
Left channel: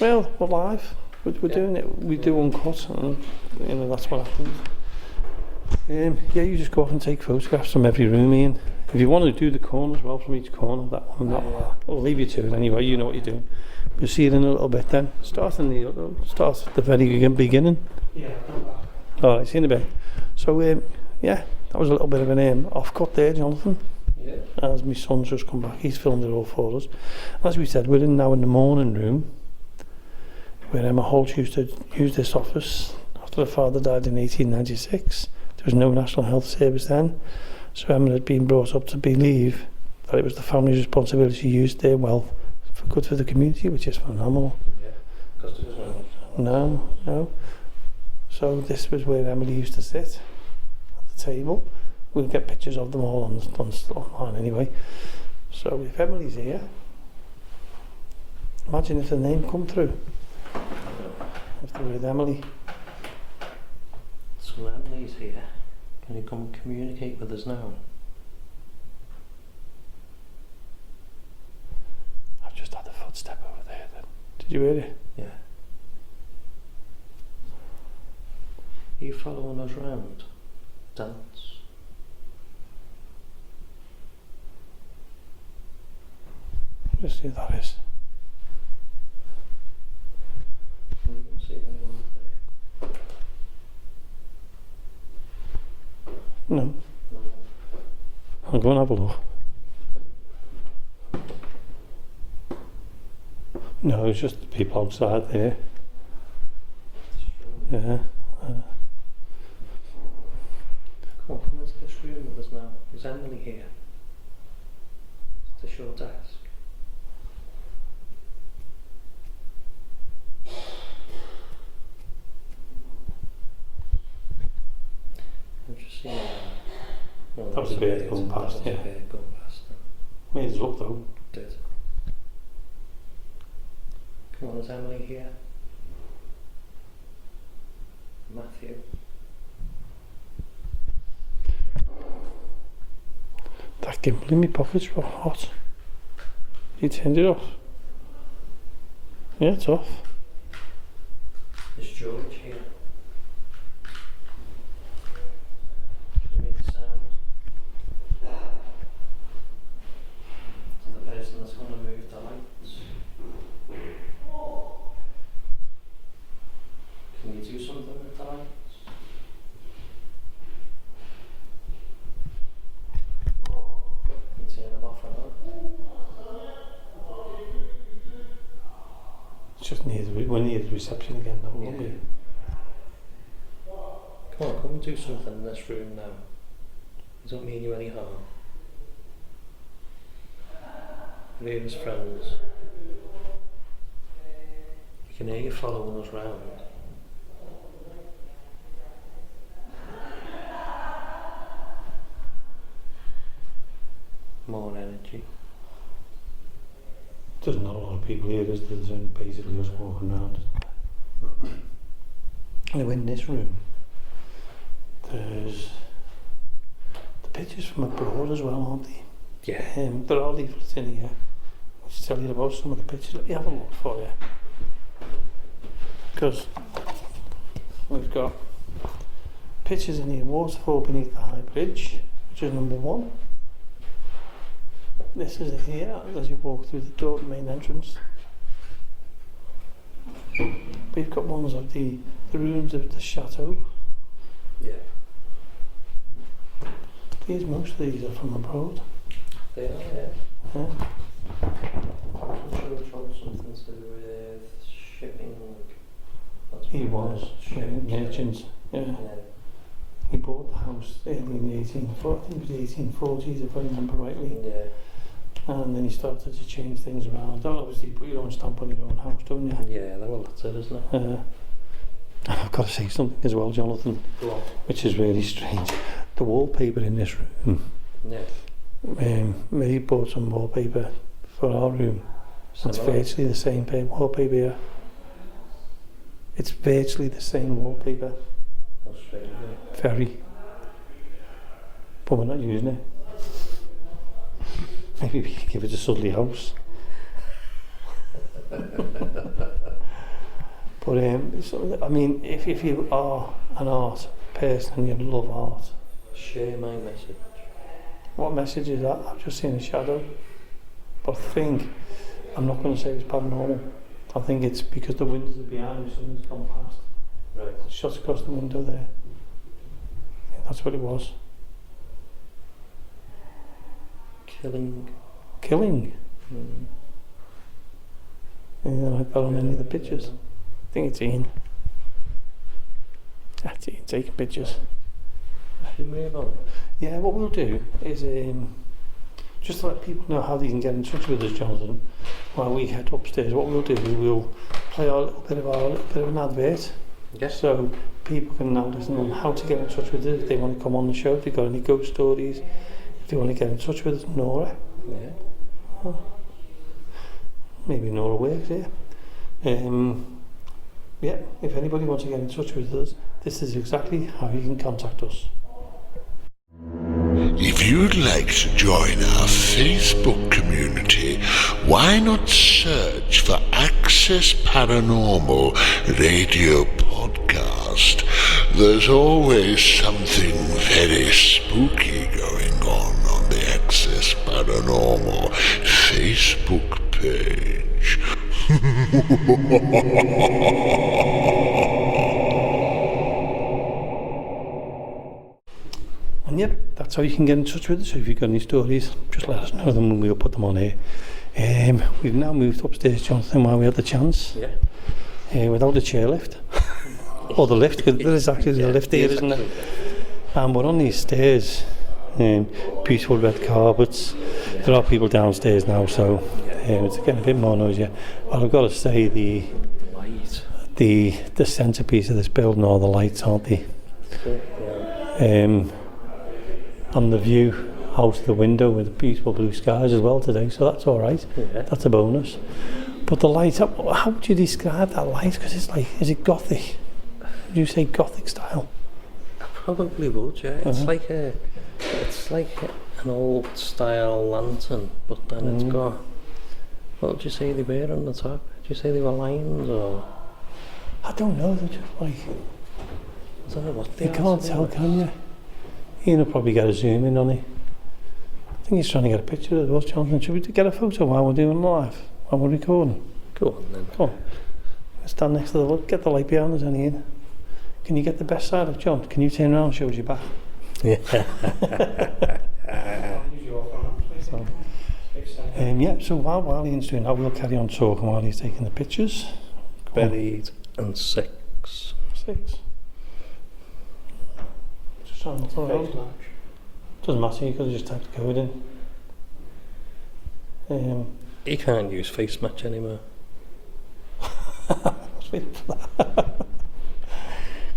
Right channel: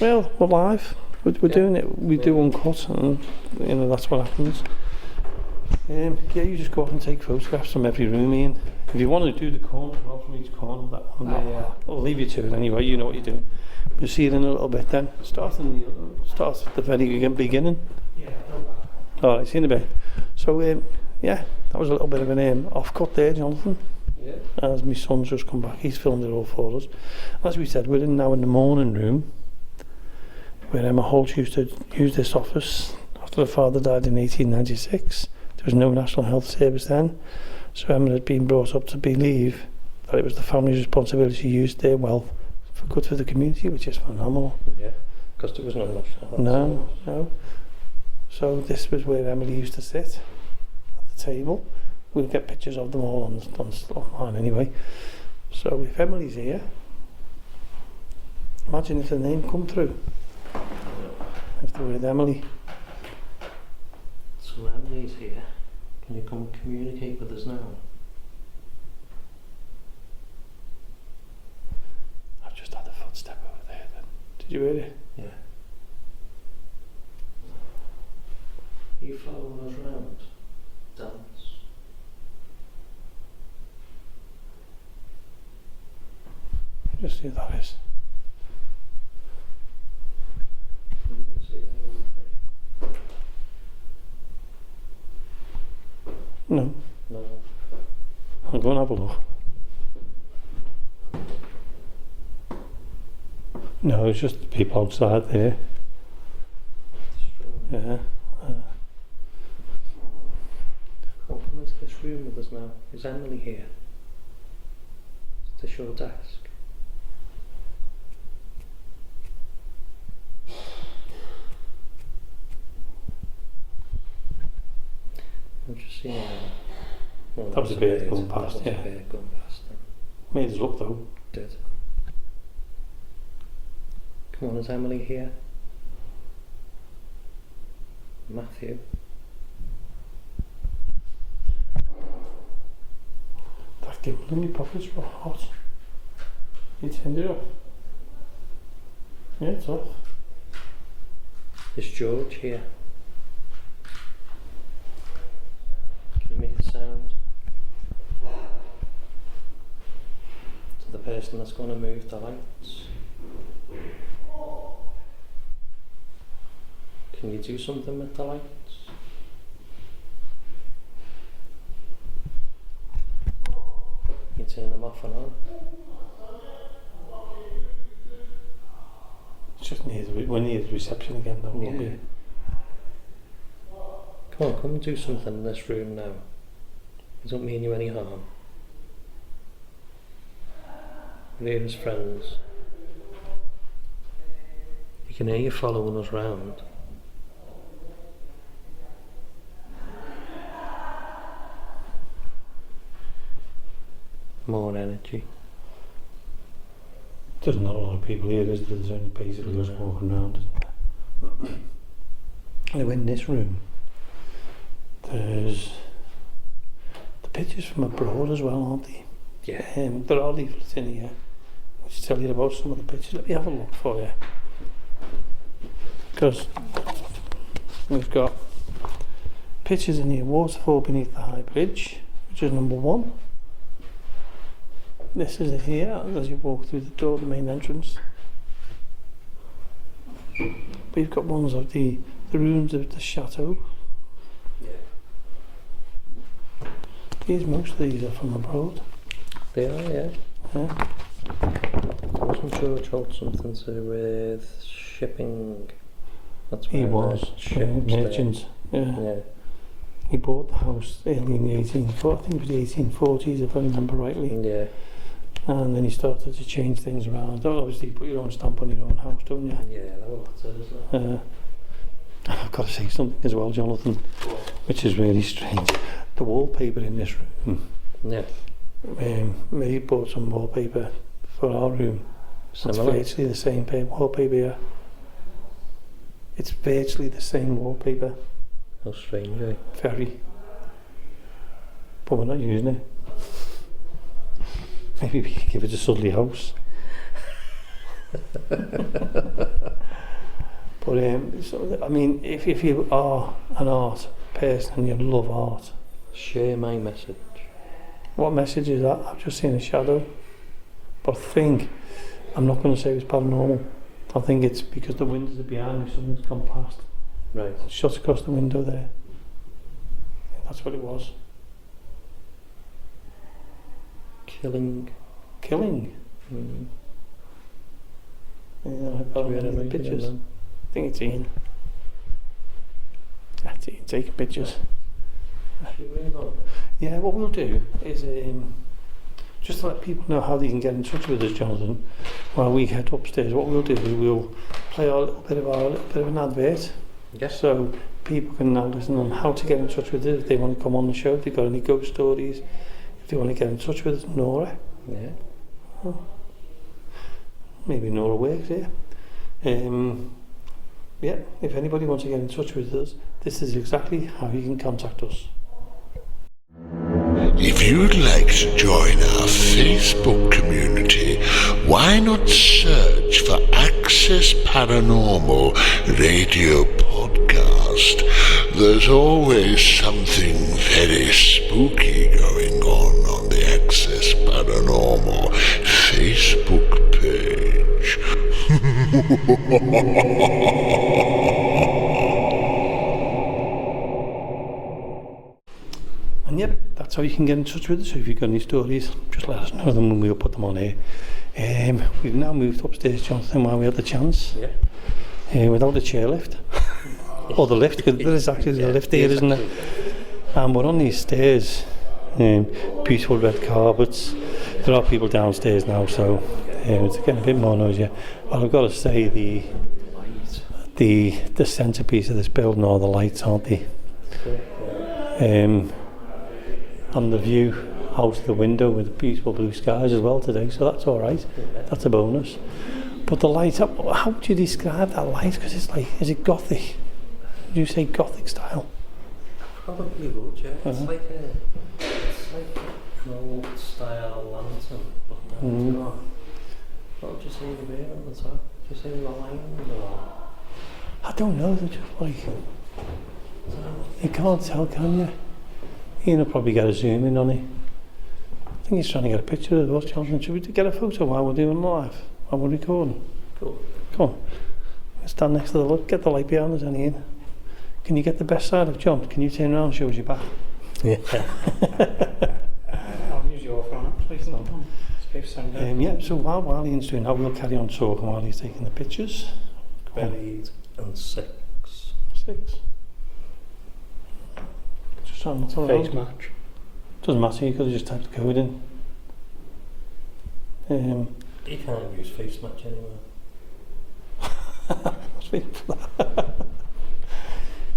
Well, we're live. We're doing it. We do uncut, and that's what happens. Yeah, you just go off and take photographs from every room, Ian. If you want to do the corner as well, from each corner, that one, I'll leave you to it anyway. You know what you're doing. We'll see you in a little bit then. Start at the very beginning. Yeah. All right, see you in a bit. So, yeah, that was a little bit of an off-cut there, Jonathan. Yeah. As my son's just come back, he's filmed it all for us. As we said, we're now in the morning room, where Emma Holt used to use this office after her father died in 1896. There was no national health service then, so Emma had been brought up to believe that it was the family's responsibility to use their wealth for good for the community, which is phenomenal. Yeah, because there was no much. No. So this was where Emily used to sit at the table. We'll get pictures of them all online anyway. So if Emily's here, imagine if the name come through. If the word Emily. So Emily's here. Can you come and communicate with us now? I've just had a footstep over there then. Did you hear it? Yeah. Are you following us round? Dance? Just see what that is. You can see that one No. there. No. I'll go and have a look. No, it's just the people outside there. Yeah. Come into this room with us now. Is Emily here? Is this your desk? I'm just seeing That was a bird going past, yeah. That was a bird going past then. Made us look though. Did. Come on, is Emily here? Matthew? That gimbal in my pocket's real hot. You turned it off? Yeah, it's off. Is George here? Can you make a sound? To the person that's going to move the lights. Can you do something with the lights? You turn them off and on. It's just we're near the reception again now, won't we? Come and do something in this room now. It don't mean you any harm. We're here as friends. You can hear you following us round. More energy. There's not a lot of people here, is there? There's only basically us walking around, isn't there? Anyway, in this room, there's the pictures from abroad as well, aren't they? Yeah. There are leaflets in here which tell you about some of the pictures. Let me have a look for you. Because we've got pictures in here. Waterfall beneath the High Bridge, which is number 1. This is it here as you walk through the door, the main entrance. We've got ones of the rooms of the chateau. Yeah. Most of these are from abroad. They are, yeah. Yeah. Wasn't George wrote something to do with shipping? That's He was merchants. Yeah. Yeah. He bought the house early in the 1840s. I think it was the 1840s, if I remember rightly. Yeah. And then he started to change things around. Obviously, you put your own stamp on your own house, don't you? Yeah, well, that's it, isn't it? I've got to say something as well, Jonathan, which is really strange. The wallpaper in this room. Yeah. Mary bought some wallpaper for our room. It's virtually the same wallpaper here. It's virtually the same wallpaper. How strange, eh? Very. But we're not using it. Maybe we could give it to Sudley House. But so, I mean, if you are an art person and you love art, share my message. What message is that? I've just seen a shadow. But I'm not going to say it's paranormal. I think it's because the windows are behind me, something's gone past. Right. It shuts across the window there. Yeah, that's what it was. Killing. Mm. Yeah, I've got many of the pictures. I think it's Ian. That's Ian taking pictures. Should we move on? Yeah, what we'll do is just to let people know how they can get in touch with us, Jonathan, while we head upstairs. What we'll do is we'll play a little bit of an advert. Yes. So people can now listen on how to get in touch with us if they want to come on the show, if they've got any ghost stories, if they want to get in touch with us. Nora. Yeah. Oh. Maybe Nora works here. Yeah, if anybody wants to get in touch with us, this is exactly how you can contact us. If you'd like to join our Facebook community, why not search for Access Paranormal Radio Podcast There's always something very spooky going on the Access Paranormal Facebook page. And yep, that's how you can get in touch with us. If you've got any stories, just let us know them and we'll put them on here. We've now moved upstairs, Jonathan, while we had the chance. Yeah. Without the chairlift. Or the lift, because there is actually a lift here, isn't there? And we're on these stairs. Beautiful red carpets. There are people downstairs now, so it's getting a bit more noisy. Well, I've got to say the centrepiece of this building are the lights, aren't they? And the view out the window with the beautiful blue skies as well today, so that's all right. Yeah. That's a bonus. But the light, how would you describe that light? Because it's like, is it gothic? Would you say gothic style? I probably would, yeah. It's like an old style lantern, but then it's got. What did you say they were on the top? Did you say they were lines or? I don't know. They're just like, I don't know what they you can't tell, can you? Ian will probably get a zoom in on it. I think he's trying to get a picture of us, Jonathan. Should we get a photo while we're doing live? While we're recording? Go on then. Come on. Stand next to the light. Get the light behind us, Ian. Can you get the best side of John? Can you turn around and show us your back? Yeah. I'll use your phone, please. Yeah, so while Ian's doing that, we'll carry on talking while he's taking the pictures. Buried and 6. 6. Just trying not to Face match. Doesn't matter, you could have just typed the code in. You can't use face match anymore. What's waiting for that?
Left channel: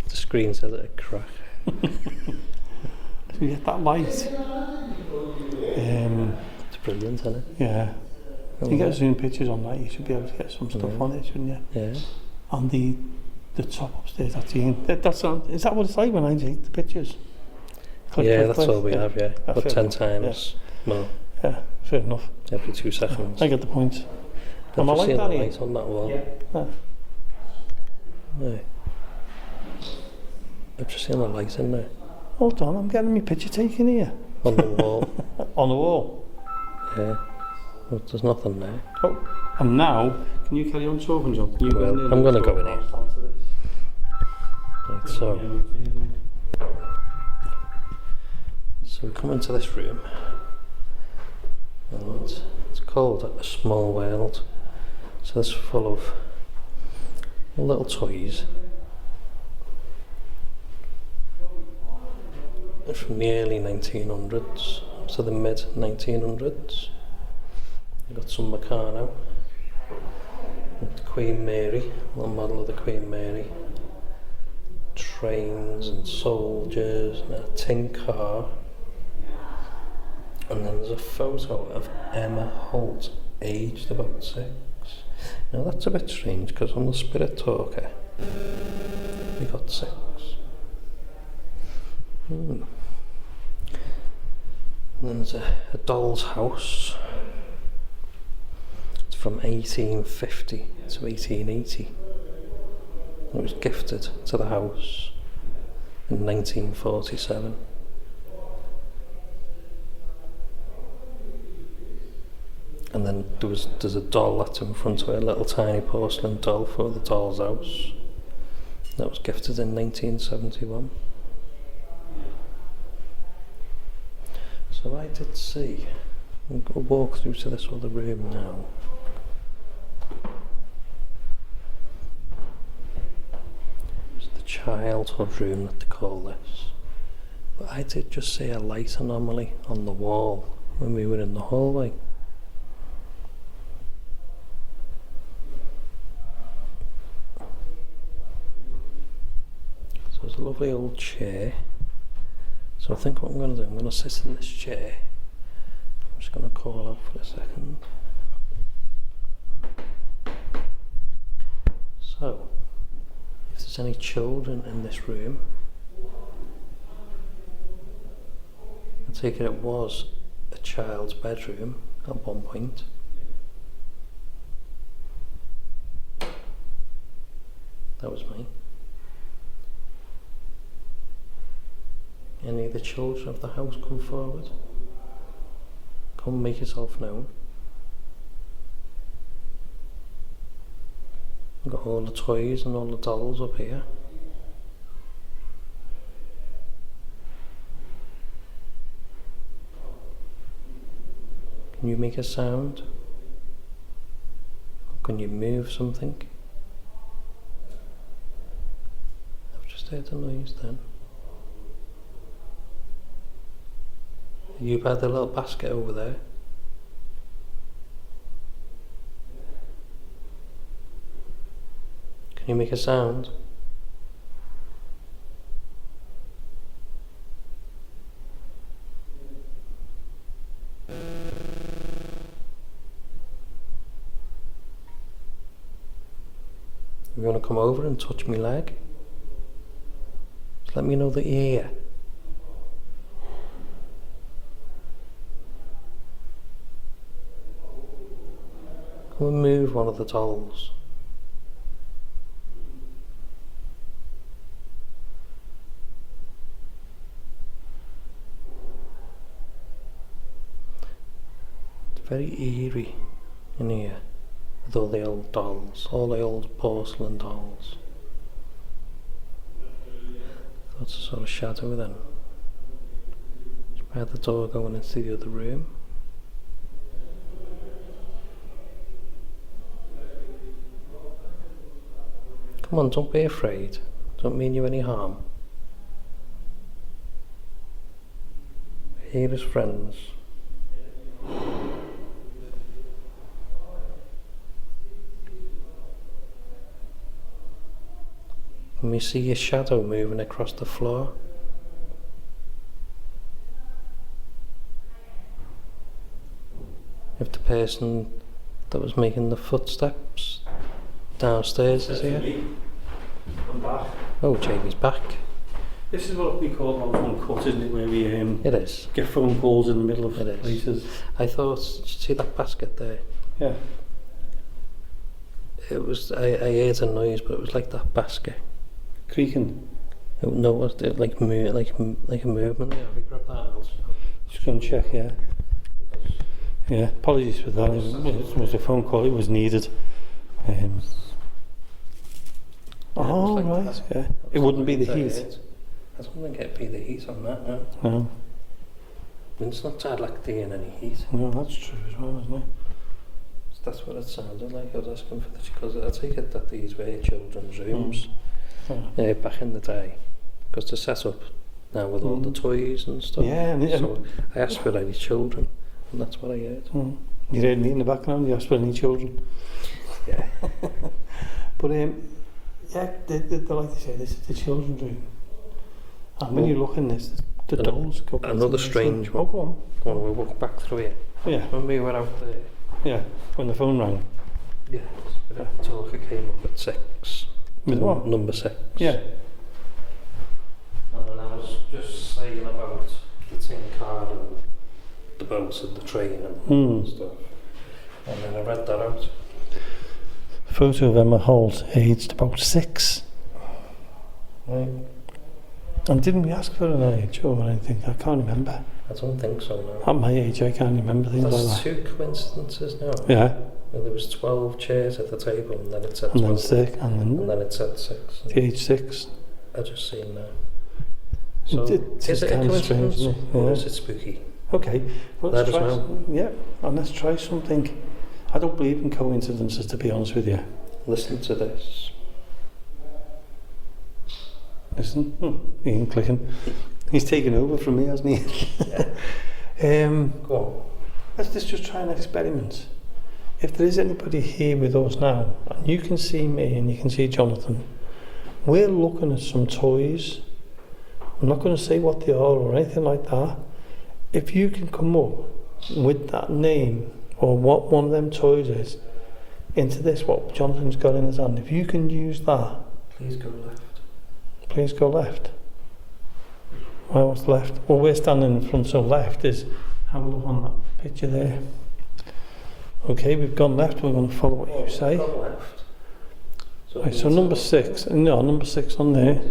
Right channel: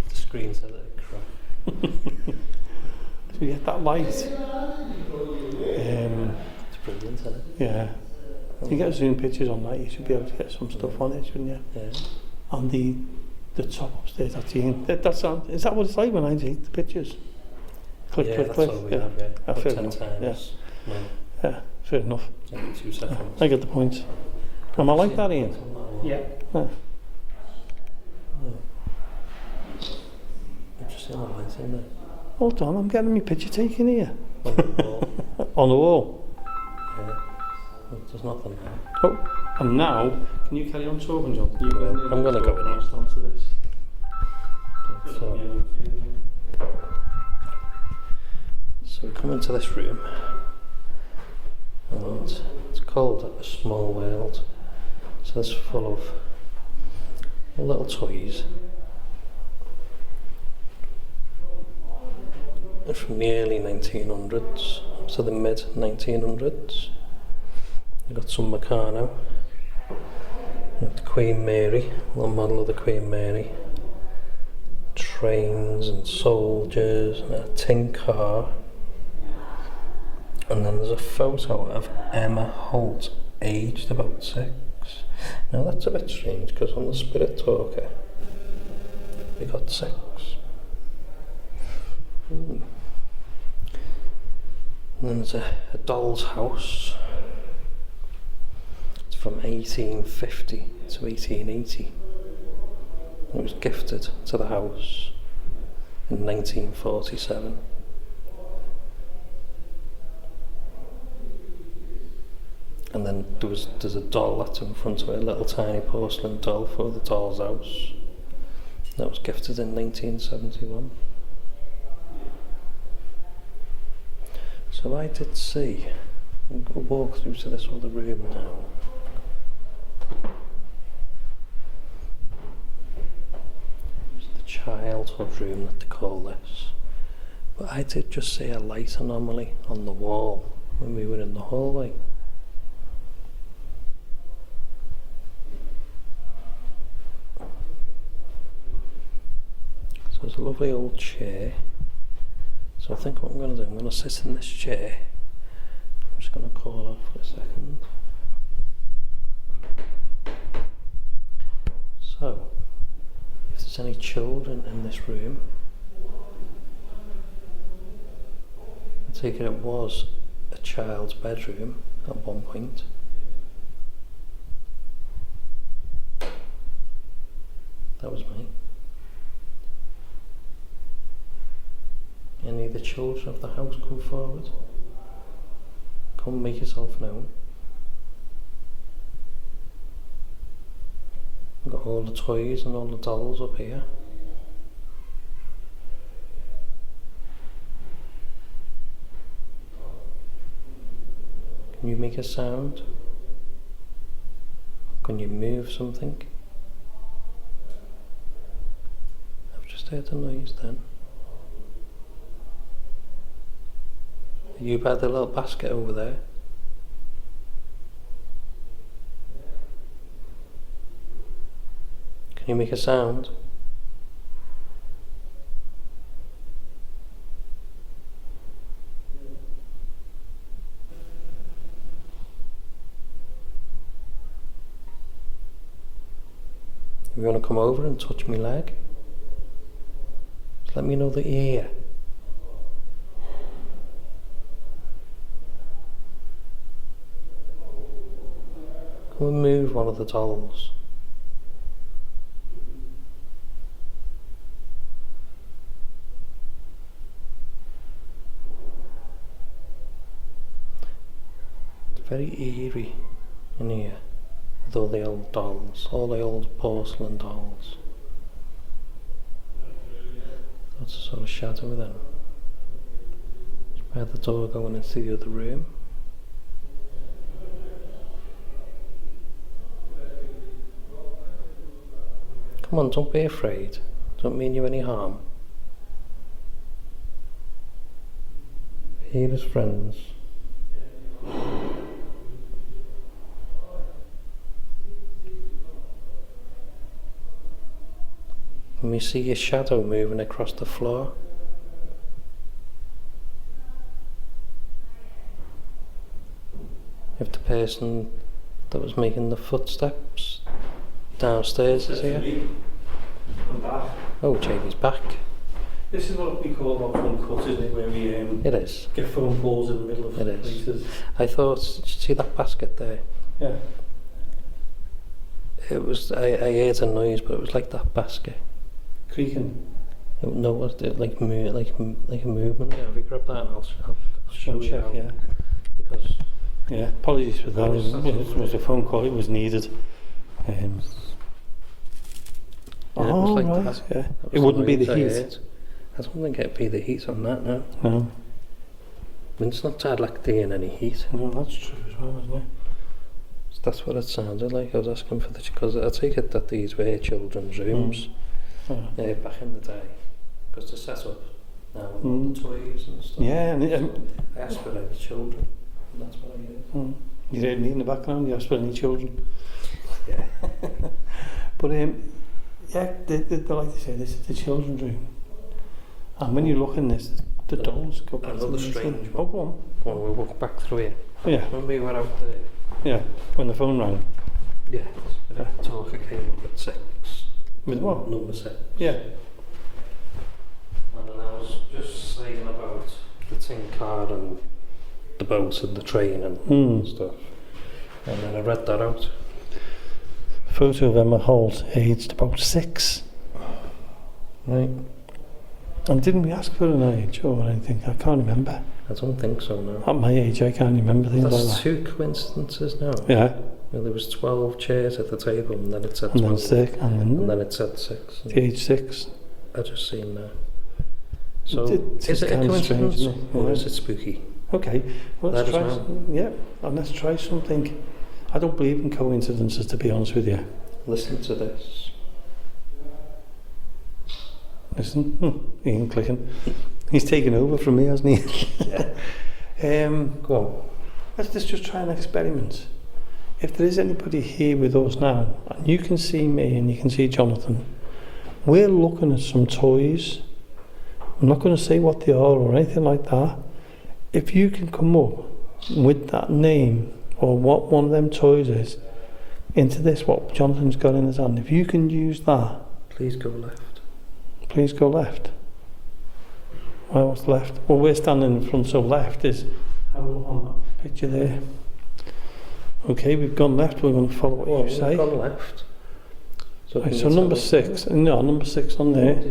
The screen's a little crack. So you get that light. It's brilliant, isn't it? Yeah. If you get zoom pictures on that, you should be able to get some stuff on it, shouldn't you? Yeah. On the top upstairs, is that what it's like when I take the pictures? Click, Yeah, click, that's click. all we have, yeah. Ah, But fair 10 enough, times more Yeah, fair enough. every 2 seconds. I get the point. Am I like that, Ian? On that wall. Yeah. Yeah. No. I've just seen the light in there. Hold on, I'm getting my picture taken here. On the wall. On the wall. Yeah. Well, there's nothing there. Oh, and now, can you carry on talking, John? Can you Well, go in there I'm and gonna talk go in here. whilst onto this? Right, so we come into this room, and it's called A Small World. So this is full of little toys from the early 1900s to the mid 1900s. You've got some Meccano, the Queen Mary, a little model of the Queen Mary, trains and soldiers, and a tin car. And then there's a photo of Emma Holt, aged about 6. Now that's a bit strange because on the Spirit Talker we got 6. And then there's a doll's house. It's from 1850 to 1880. It was gifted to the house in 1947. And then there's a doll that's in front of it, a little tiny porcelain doll for the doll's house. That was gifted in 1971. So I did see, I'll walk through to this other room now. It's the childhood room that they call this. But I did just see a light anomaly on the wall when we were in the hallway. So there's a lovely old chair. So I think what I'm going to do, I'm going to sit in this chair. I'm just going to call out for a second. So, if there's any children in this room, I take it was a child's bedroom at one point. That was me. Any of the children of the house, come forward. Come make yourself known. We've got all the toys and all the dolls up here. Can you make a sound? Or can you move something? I've just heard a noise then. Are you by the little basket over there? Can you make a sound? If you want to come over and touch my leg, just let me know that you're here. Come and move one of the dolls. It's very eerie in here. With all the old dolls, all the old porcelain dolls. That's a sort of shadow then. Just by the door going into the other room. Come on, don't be afraid. Don't mean you any harm. We're here as friends. Can we see your shadow moving across the floor? If the person that was making the footsteps downstairs is here. I'm back. Oh, Jamie's back. This is what we call our phone cut, isn't it? Where we It is. get phone calls in the middle of It is. places. I thought, did you see that basket there? Yeah. It was, I heard a noise, but it was like that basket. Creaking. No, it was like a movement. Yeah, if you grab that, I'll Just go and check, yeah. Because Yeah, apologies for that. It was a phone call, it was needed. it Oh, was like right, that. yeah. That was It wouldn't be noise the I heat. heard. I don't think it'd be the heat on that, no. No, It's not had like there any heat. no, that's true as well, isn't it? So that's what it sounded like. I was asking for this because I take it that these were children's rooms back in the day. Because they're set up now with all the toys and stuff. Yeah, and So I asked for any children, and that's what I heard. you heard me in the background, you asked for any children. Yeah. But yeah, they like to say this is the children's room. And when you look in this, the dolls go back. Another to the strange room. Oh, go on. Go on, we'll walk back through here. Yeah, When we were out there, yeah, when the phone rang. yeah, the talker came up at 6. With what? Number 6. Yeah. And then I was just saying about the tin car and the boat and the train and stuff. And then I read that out. Photo of Emma Holt, aged about 6. Right. And didn't we ask for an age or anything? I can't remember. I don't think so, no. At my age, I can't remember things That's like that. 2 coincidences now. Yeah, Well, there was 12 chairs at the table and then it said and 12. then 6, And then it said 6. the age 6. I just seen that. So, It's is it a kind of strange, coincidence isn't it? or Yeah. is it spooky? Okay, well, let's Let us try. know. Yeah, and let's try something. I don't believe in coincidences, to be honest with you. Listen to this. Listen, Ian clicking. He's taken over from me, hasn't he? Go on. Let's just try an experiment. If there is anybody here with us now, and you can see me and you can see Jonathan, we're looking at some toys. I'm not going to say what they are or anything like that. If you can come up with that name or what one of them toys is into this, what Jonathan's got in his hand, if you can use that, Please go left. please go left. Well, what's left? Well, we're standing in front, so left is, have a look on that picture there. Okay, we've gone left, we're going to follow what you say. Go left. Right, so number 6, no, number 6 on there.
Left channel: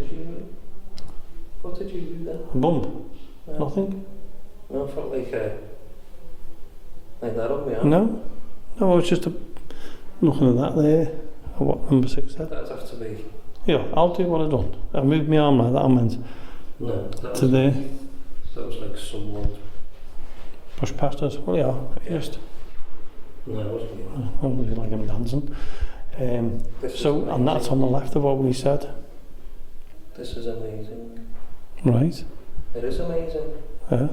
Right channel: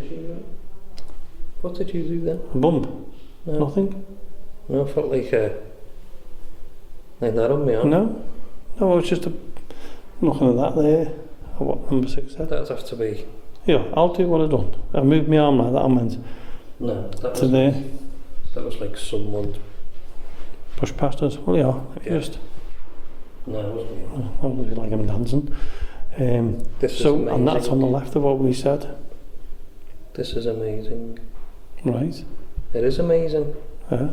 What did you do then? A bump? No. Nothing? No, I felt like that on me arm. No? No, it's just nothing of that there. What number 6 said? That'd have to be... Yeah, I'll do what I've done. I moved my arm like that, I meant No, that to was, there. that was like someone... Push past us. Well, yeah, Yeah. just... No, it wasn't you. I don't really like him dancing. This is So, amazing. and that's on the left of what we said. This is amazing. Right. It is amazing. Yeah.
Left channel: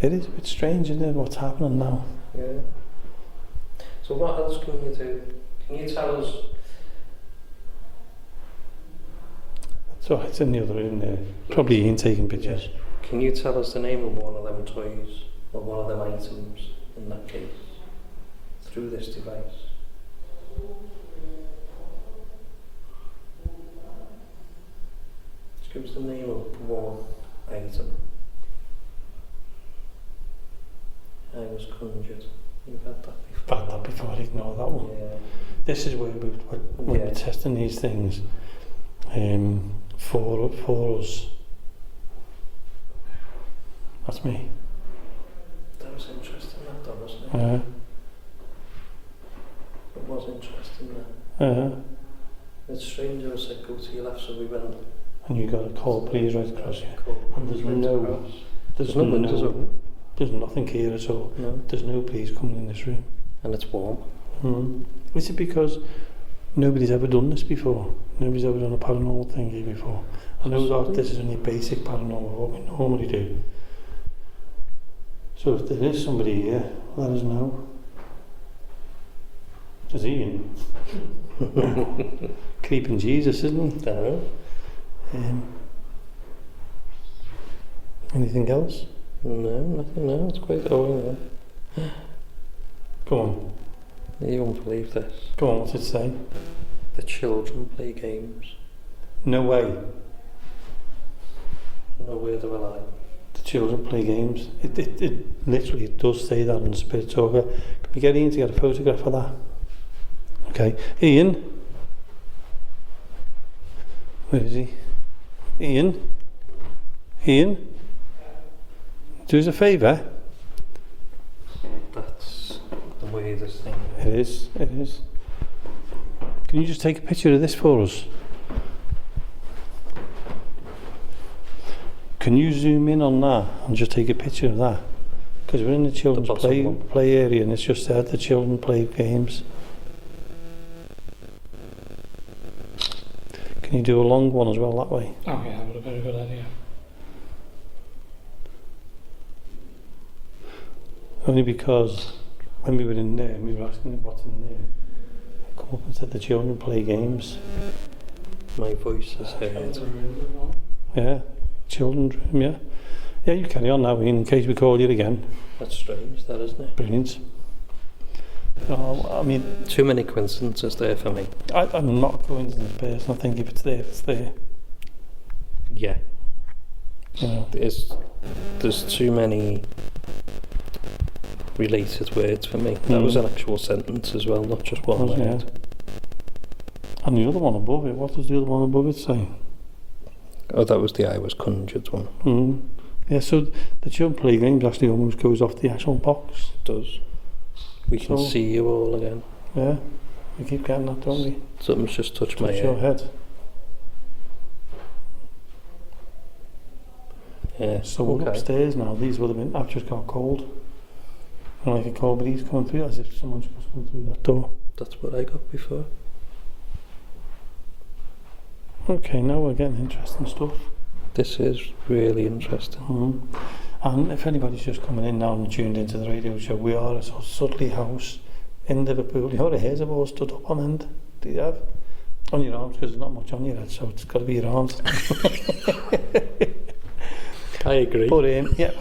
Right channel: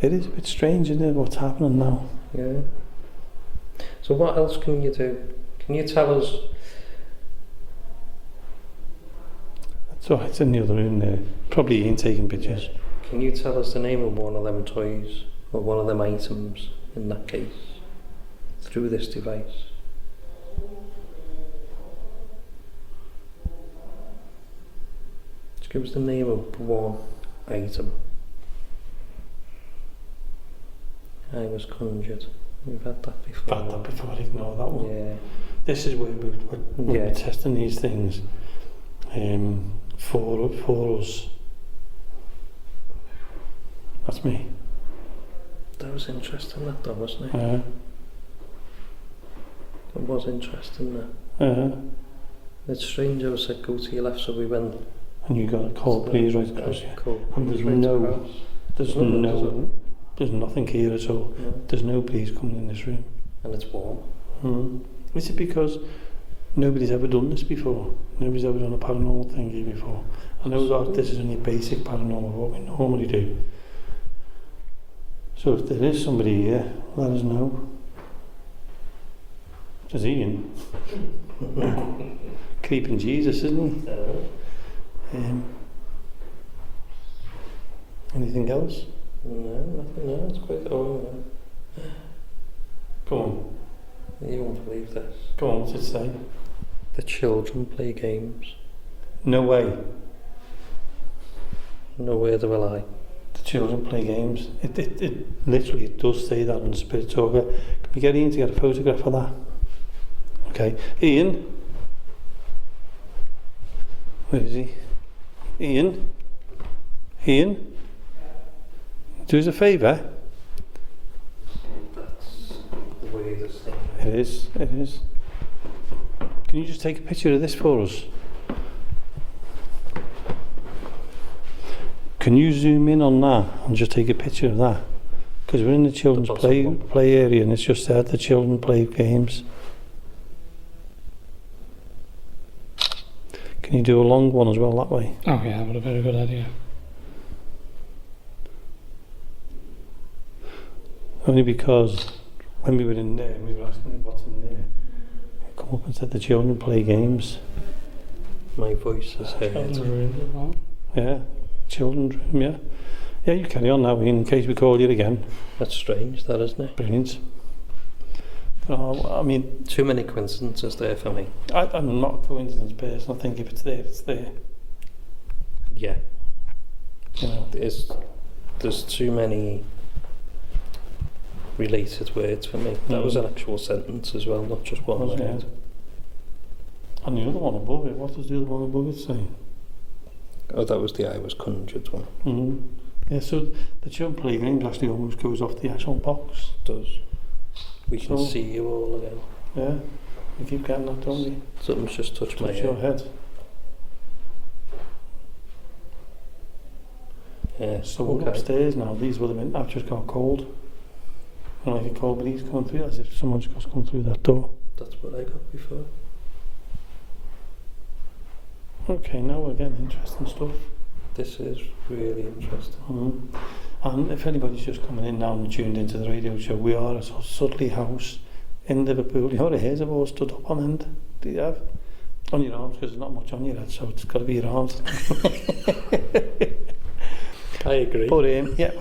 It is a bit strange, isn't it, what's happening now? Yeah. So what else can you do? Can you tell us... So it's in the other room there. Probably Ian taking pictures. Can you tell us the name of one of them toys or one of them items in that case through this device? Just give us the name of one item. I was conjured. We've had that before. Had that before, ignore that one. Yeah. This is where we're Yeah. testing these things for us. That's me. That was interesting, that though, wasn't it? Yeah. It was interesting, that. Yeah. It's strange, I said go to your left, so we went. And you got a call, please, right across here. Cool. And there's Right no, across. there's Nothing, no, is there's nothing here at all. No. There's no breeze coming in this room. And it's warm. Is it because nobody's ever done this before? Nobody's ever done a paranormal thing here before. I know that this is only basic paranormal, what we normally do. So if there is somebody here, let us know. There's Ian. Creeping Jesus, isn't he? Anything else? No, nothing, no, it's quite... Oh, Go on. yeah. You won't believe this. Go on, what's it say? The children play games. No way. No word of a lie. The children play games. It literally does say that on the Spirit Talker. Can we get Ian to get a photograph of that? Okay. Ian? Where is he? Ian? Ian? Do us a favour. That's the weirdest thing. It is. It is. Can you just take a picture of this for us? Can you zoom in on that and just take a picture of that? Because we're in the children's play area and it's just said the children play games. Can you do a long one as well that way? Oh yeah, what a very good idea. Only because when we were in there and we were asking them what's in there, they come up and said the children play games. My voice is heard. Yeah, children's room, yeah. Yeah, you carry on now, Ian, in case we call you again. That's strange, that, isn't it? Brilliant. Oh, I mean, Too many coincidences there for me. I'm not a coincidence person. I think if it's there, it's there. Yeah. You know. There's too many related words for me. That was an actual sentence as well, not just one word. Yeah. And the other one above it, what does the other one above it say? Oh, that was the I was conjured one. Yeah, so the children play games actually almost goes off the actual box. It does. We can So- see you all again. Yeah, we keep getting that, don't we? Something's just touched my Touch your head. head. Yeah. So we're upstairs now. These would have been, I've just got cold. And like a cold breeze coming through as if someone's just come through that door. That's what I got before. Okay, now we're getting interesting stuff. This is really interesting. And if anybody's just coming in now and tuned into the radio show, we are at Sudley House in Liverpool. Your hairs have all stood up on end. Do you have? On your arms, because there's not much on your head, so it's got to be your arms. I agree. But yeah,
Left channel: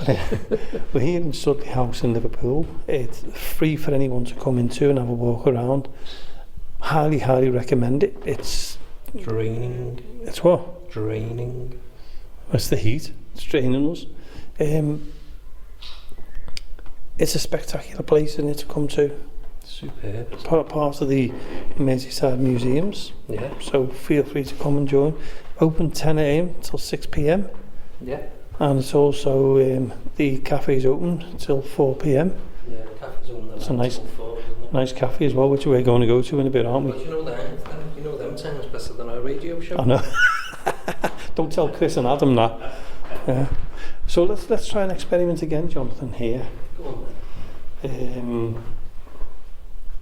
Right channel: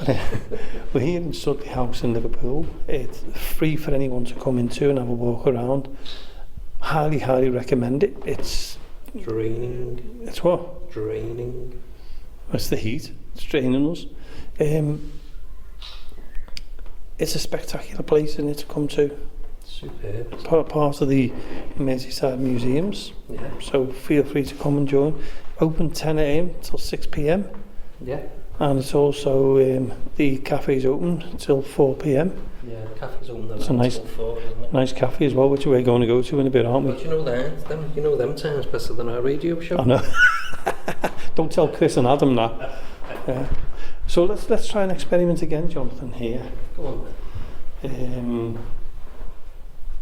we're here in Sudley House in Liverpool. It's free for anyone to come into and have a walk around. Highly, highly recommend it. It's Draining. It's what? Draining. It's the heat. It's draining us. It's a spectacular place in it to come to. Superb. Part of the Merseyside museums. Yeah. So feel free to come and join. Open 10 a.m. till 6 p.m. Yeah. And it's also, the cafe's open till 4 p.m. Yeah, the cafe's open It's a nice, till 4, isn't it? nice cafe as well, which we're going to go to in a bit, aren't we? But you know them times better than our radio show. I know. Don't tell Chris and Adam that. Yeah. So let's try an experiment again, Jonathan, here. Go on then.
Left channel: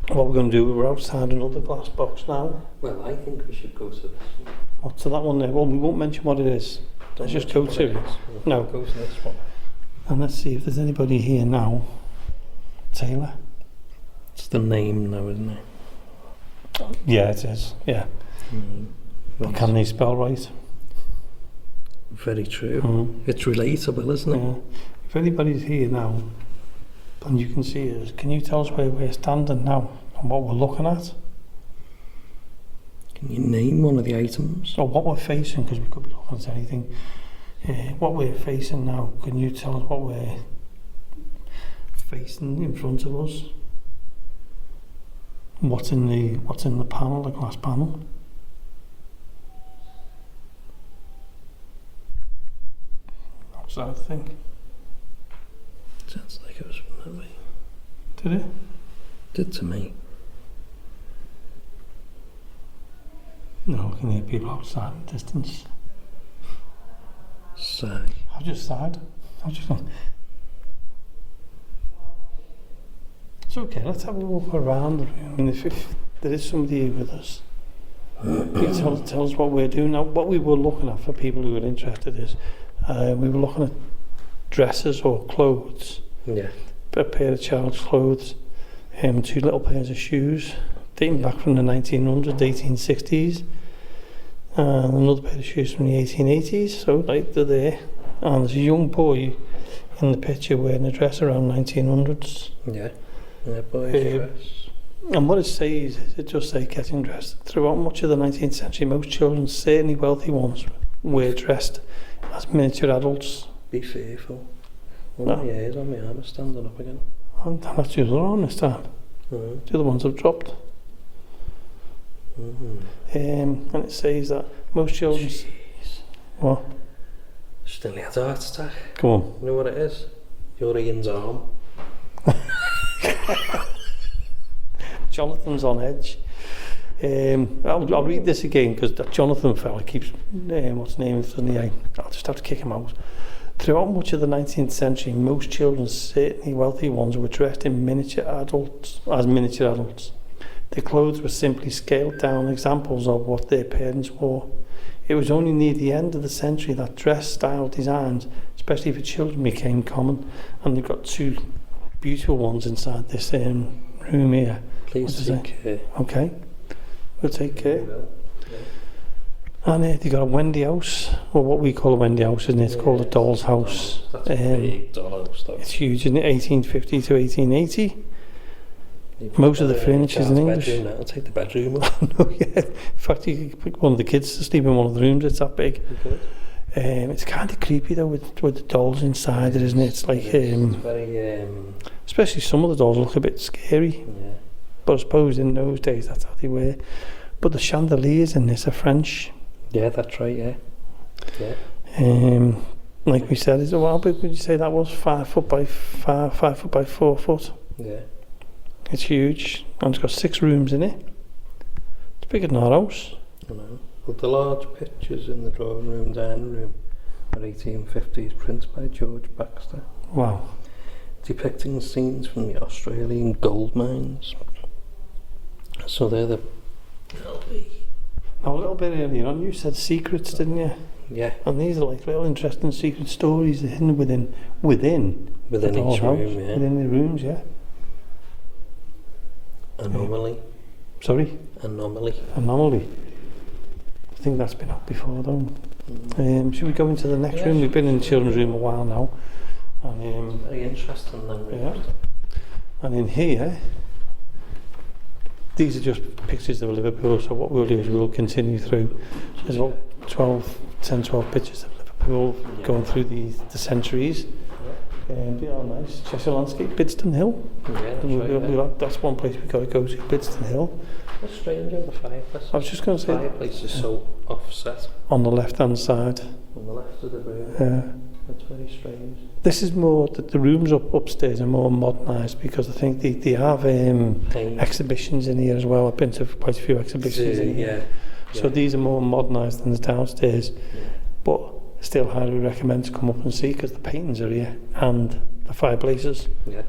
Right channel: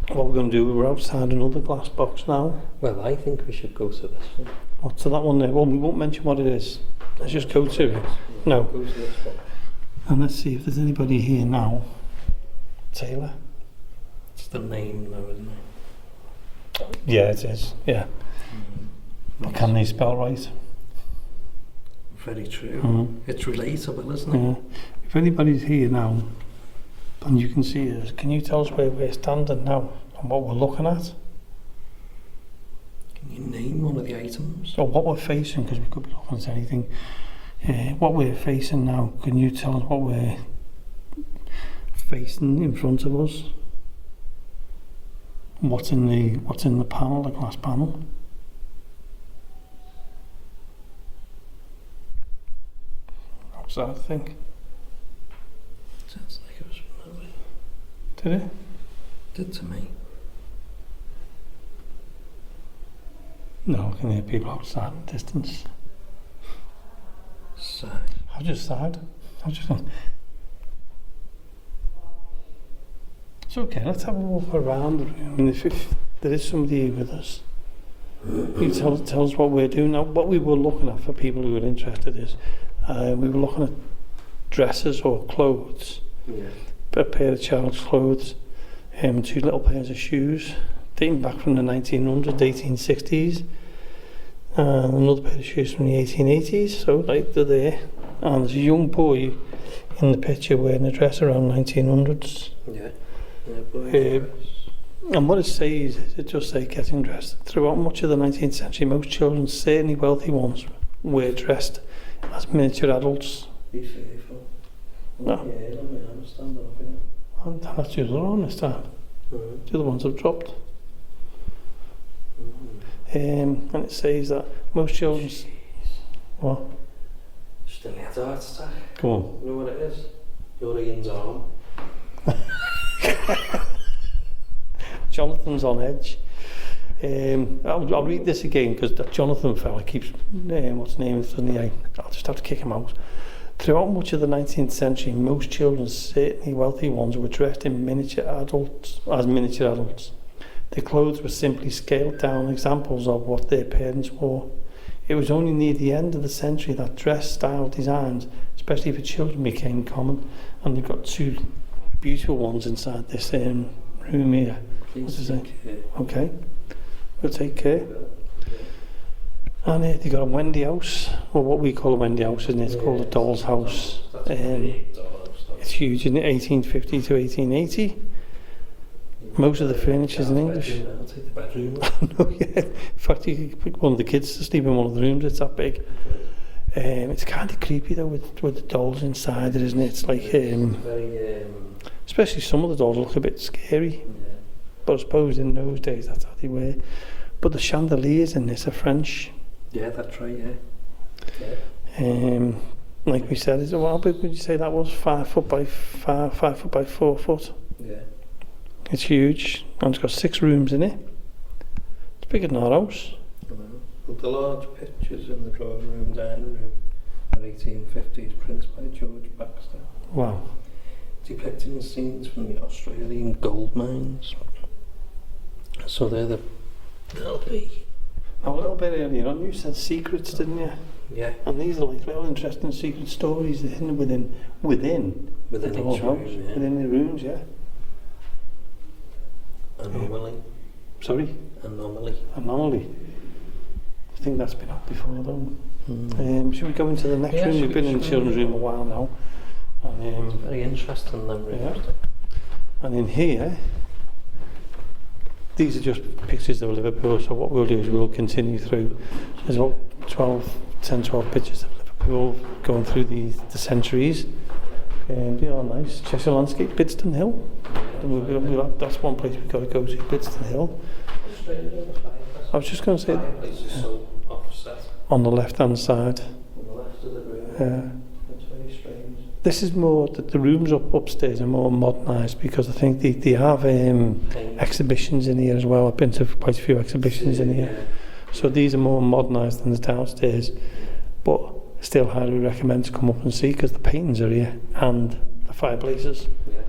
What we're going to do, we're outside another glass box now. Well, I think we should go to this one. What's to that one there? Well, we won't mention what it is. Let's just go to it. No. Go to this one. And let's see if there's anybody here now. Taylor? It's the name now, isn't it? Yeah, it is. Yeah. But can they spell right? Very true. It's relatable, isn't it? Yeah. If anybody's here now, and you can see us, can you tell us where we're standing now and what we're looking at? Can you name one of the items? Or what we're facing, because we could be looking at anything. What we're facing now, can you tell us what we're facing in front of us? What's in the panel, the glass panel? What's that thing? Sounds like it was from that way. Did it? Did to me. No, I can hear people outside in the distance. Sigh. I've just sighed. It's okay, let's have a walk around the room. And if there is somebody here with us, you tell us what we're doing. Now, what we were looking at for people who are interested is, we were looking at dresses or clothes, a pair of child's clothes, 2 little pairs of shoes, dating back from the 1900s, 1860s, and another pair of shoes from the 1880s, so like they're there. And there's a young boy in the picture wearing a dress around 1900s. Yeah, boy's dress. And what it says is, it just says getting dressed. Throughout much of the 19th century, most children, certainly wealthy ones, were dressed as miniature adults. Be fearful. No. My ears on my arm are standing up again. And that's the other one this time. The other ones have dropped. And it says that most children... Jeez. What? Still had a heart attack. Come on. You know what it is? Your Ian's arm. Jonathan's on edge. I'll read this again because that Jonathan fella keeps what's his name suddenly. I'll just have to kick him out. Throughout much of the 19th century, most children, certainly wealthy ones, were dressed in miniature adults. Their clothes were simply scaled down examples of what their parents wore. It was only near the end of the century that dress style designs, especially for children, became common. And they've got 2 beautiful ones inside this room here. Please take care. Okay, we'll take care. And they've got a Wendy house, or what we call a Wendy house, isn't it? It's called a doll's house. That's a big dollhouse. It's huge, isn't it? 1850 to 1880. Most of the furniture is in English. I'll take the bedroom. No, yeah. In fact, you could pick one of the kids to sleep in one of the rooms. It's that big. It's kind of creepy though, with the dolls inside it, isn't it? It's like, very, especially some of the dolls look a bit scary. yeah. But I suppose in those days that's how they were. But the chandeliers in this are French. Yeah, that's right. Yeah. Like we said, how big would you say that was? 5 foot by 4 foot. Yeah. It's huge, and it's got 6 rooms in it. It's bigger than our house. I know. Well, the large pictures in the drawing room, dining room, are 1850s prints by George Baxter, Wow. depicting scenes from the Australian gold mines. So they'll be. Now, a little bit earlier on, you said secrets, didn't you? Yeah. And these are like little interesting secret stories hidden within the each doll's room, house, yeah. within the rooms, yeah. Anomaly. Sorry? Anomaly. I think that's been up before, though. Should we go into the next room? We've been in the children's room a while now. And, very interesting, them rooms. Yeah. And in here, these are just pictures of Liverpool, so what we'll do is we'll continue through. There's about 10, 12 pictures of Liverpool going through the centuries. They are nice. Cheshire landscape, Bidston Hill. Yeah, that's one place we've got to go to, Bidston Hill. What's strange about the fireplace? I was just going to say, The fireplace is so offset on the left-hand side. on the left of the room. That's very strange. This is more, the rooms upstairs are more modernised because I think they have exhibitions in here as well. I've been to quite a few exhibitions in here. So these are more modernised than the downstairs. But still highly recommend to come up and see because the paintings are here and the fireplaces. Yeah.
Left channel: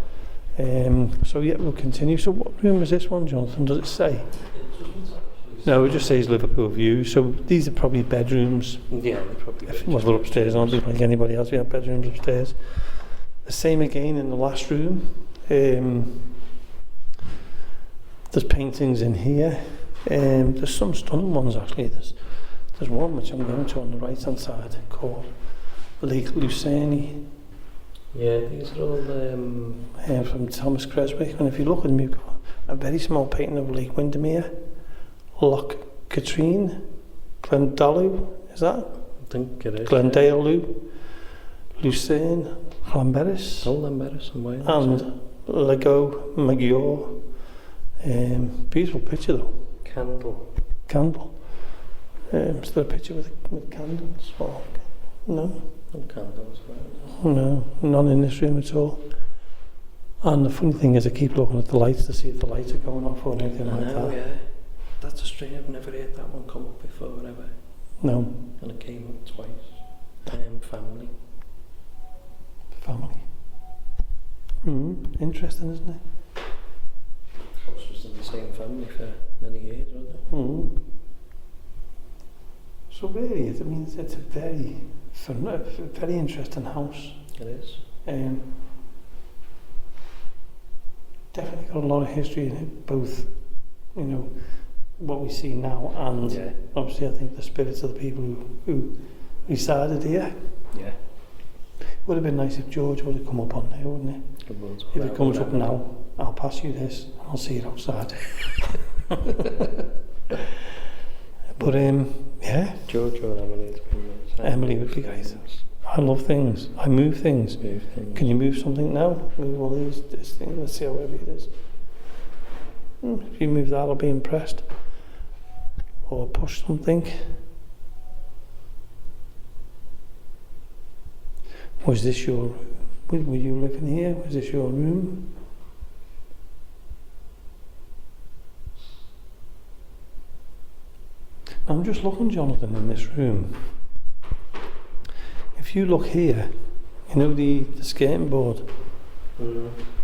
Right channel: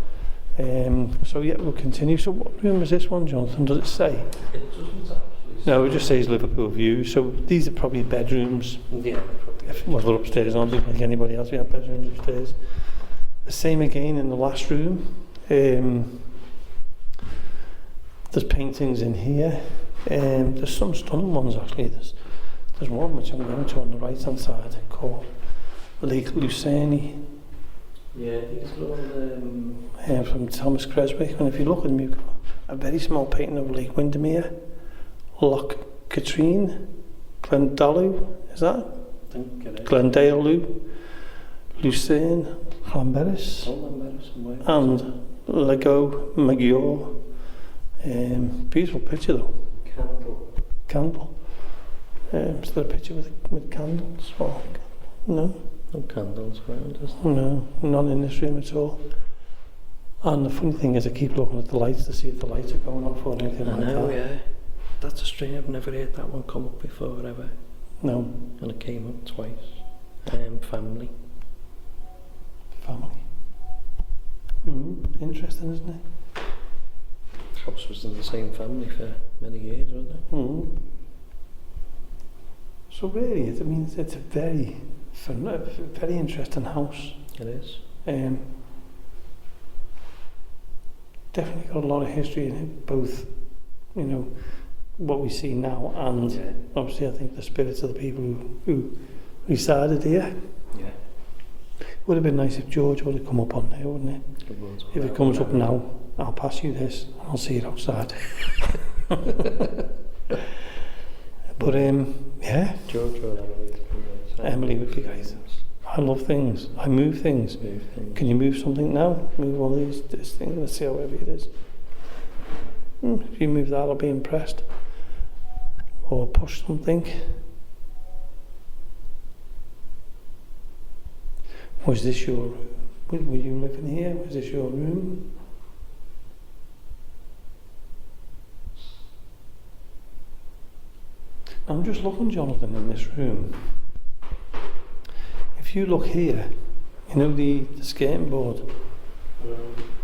So yeah, we'll continue. So what room is this one, Jonathan? Does it say? No, it just says Liverpool View. So these are probably bedrooms. Yeah, they're probably. Well, they're upstairs, aren't they? Like anybody else, we have bedrooms upstairs. The same again in the last room. There's paintings in here. There's some stunning ones actually. There's one which I'm going to on the right hand side called Lake Lucerne. Yeah, these are all From Thomas Creswick. And if you look at them, you've got a very small painting of Lake Windermere, Loch Katrine, Glendalough, is that? I think it is. Glendalough, Lucerne, Llanberis, Llanberis and Wales. and Lego Maggiore. Beautiful picture though. Candle. Is there a picture with candles? Or, no? No candles around us. No, none in this room at all. And the funny thing is I keep looking at the lights to see if the lights are going off or anything like that. Yeah. That's a strange, I've never heard that one come up before ever. No. And it came up twice. Family. Interesting, isn't it? House was in the same family for many years, wasn't it? So really, it's a very interesting house. It is. Definitely got a lot of history in it, both, what we see now and obviously I think the spirits of the people who resided here. Yeah. Would have been nice if George would have come up on there, wouldn't it? If it comes up now, I'll pass you this and I'll see it outside. But yeah. George or Emily. Emily would be great. I love things. I move things. Can you move something now? Move all this thing. Let's see how heavy it is. If you move that, I'll be impressed. Or push something. Was this your room? Were you living here? Was this your room? I'm just looking, Jonathan, in this room. If you look here, the skating board.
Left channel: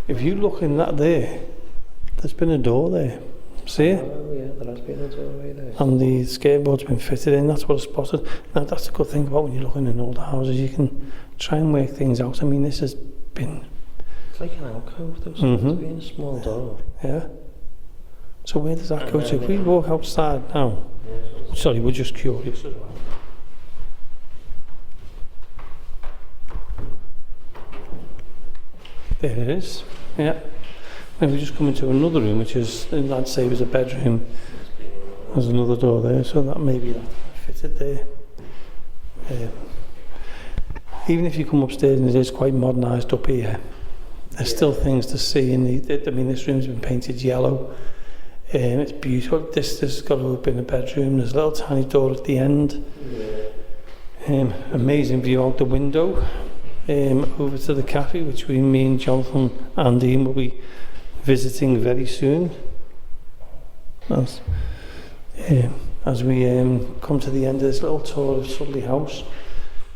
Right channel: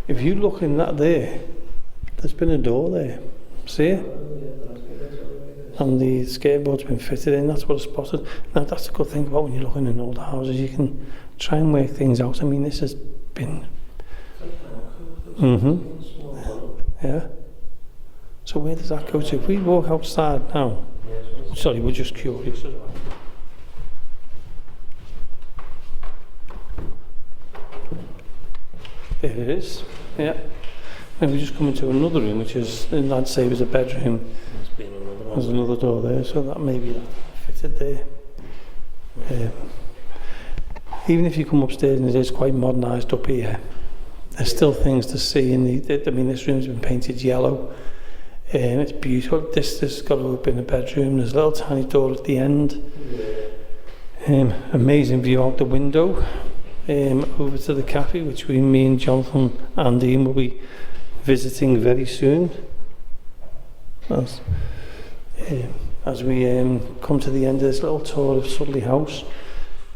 If you look in that there's been a door there. See it? Yeah, there has been a doorway there. And the skateboard's been fitted in, that's what I spotted. Now that's a good thing about when you're looking in old houses, you can try and work things out. This has been... It's like an alcove, there's been a small door. Yeah. So where does that go to? If we walk outside now... Sorry, we're just curious as well. There it is, yeah. Then we just come into another room, which is, I'd say was a bedroom. There's another door there, so that maybe that fitted there. Even if you come upstairs and it is quite modernised up here, there's still things to see. This room's been painted yellow. It's beautiful. This has got to have been a bedroom. There's a little tiny door at the end. Amazing view out the window. Over to the cafe, which me and Jonathan and Ian will be visiting very soon. As we come to the end of this little tour of Sudley House.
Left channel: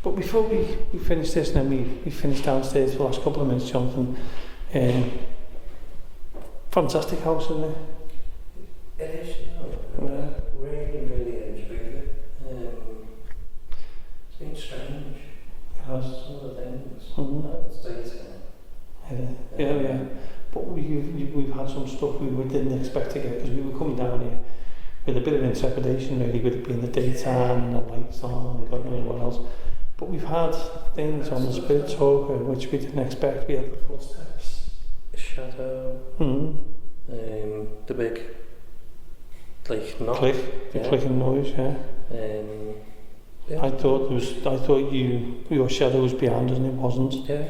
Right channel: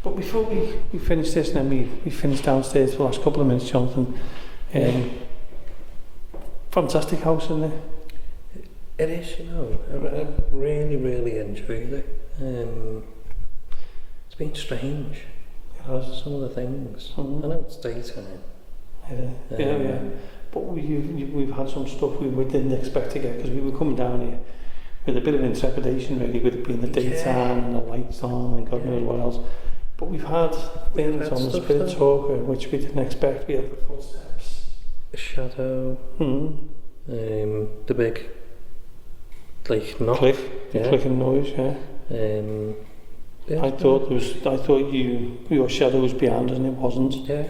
But before we finish this, and then we finish downstairs for the last couple of minutes, Jonathan. Fantastic house, isn't it? It is, I really, really enjoyed it. It's been strange. Some of the things. I know it's daytime. Yeah. But we've had some stuff we didn't expect to get because we were coming down here with a bit of intrepidation, really, with it being the daytime and the lights on and God knows what else. But we've had things on the Spirit Talker which we didn't expect. We had the footsteps, a shadow, the big knock, clicking noise. I thought your shadow was behind us and it wasn't. Yeah.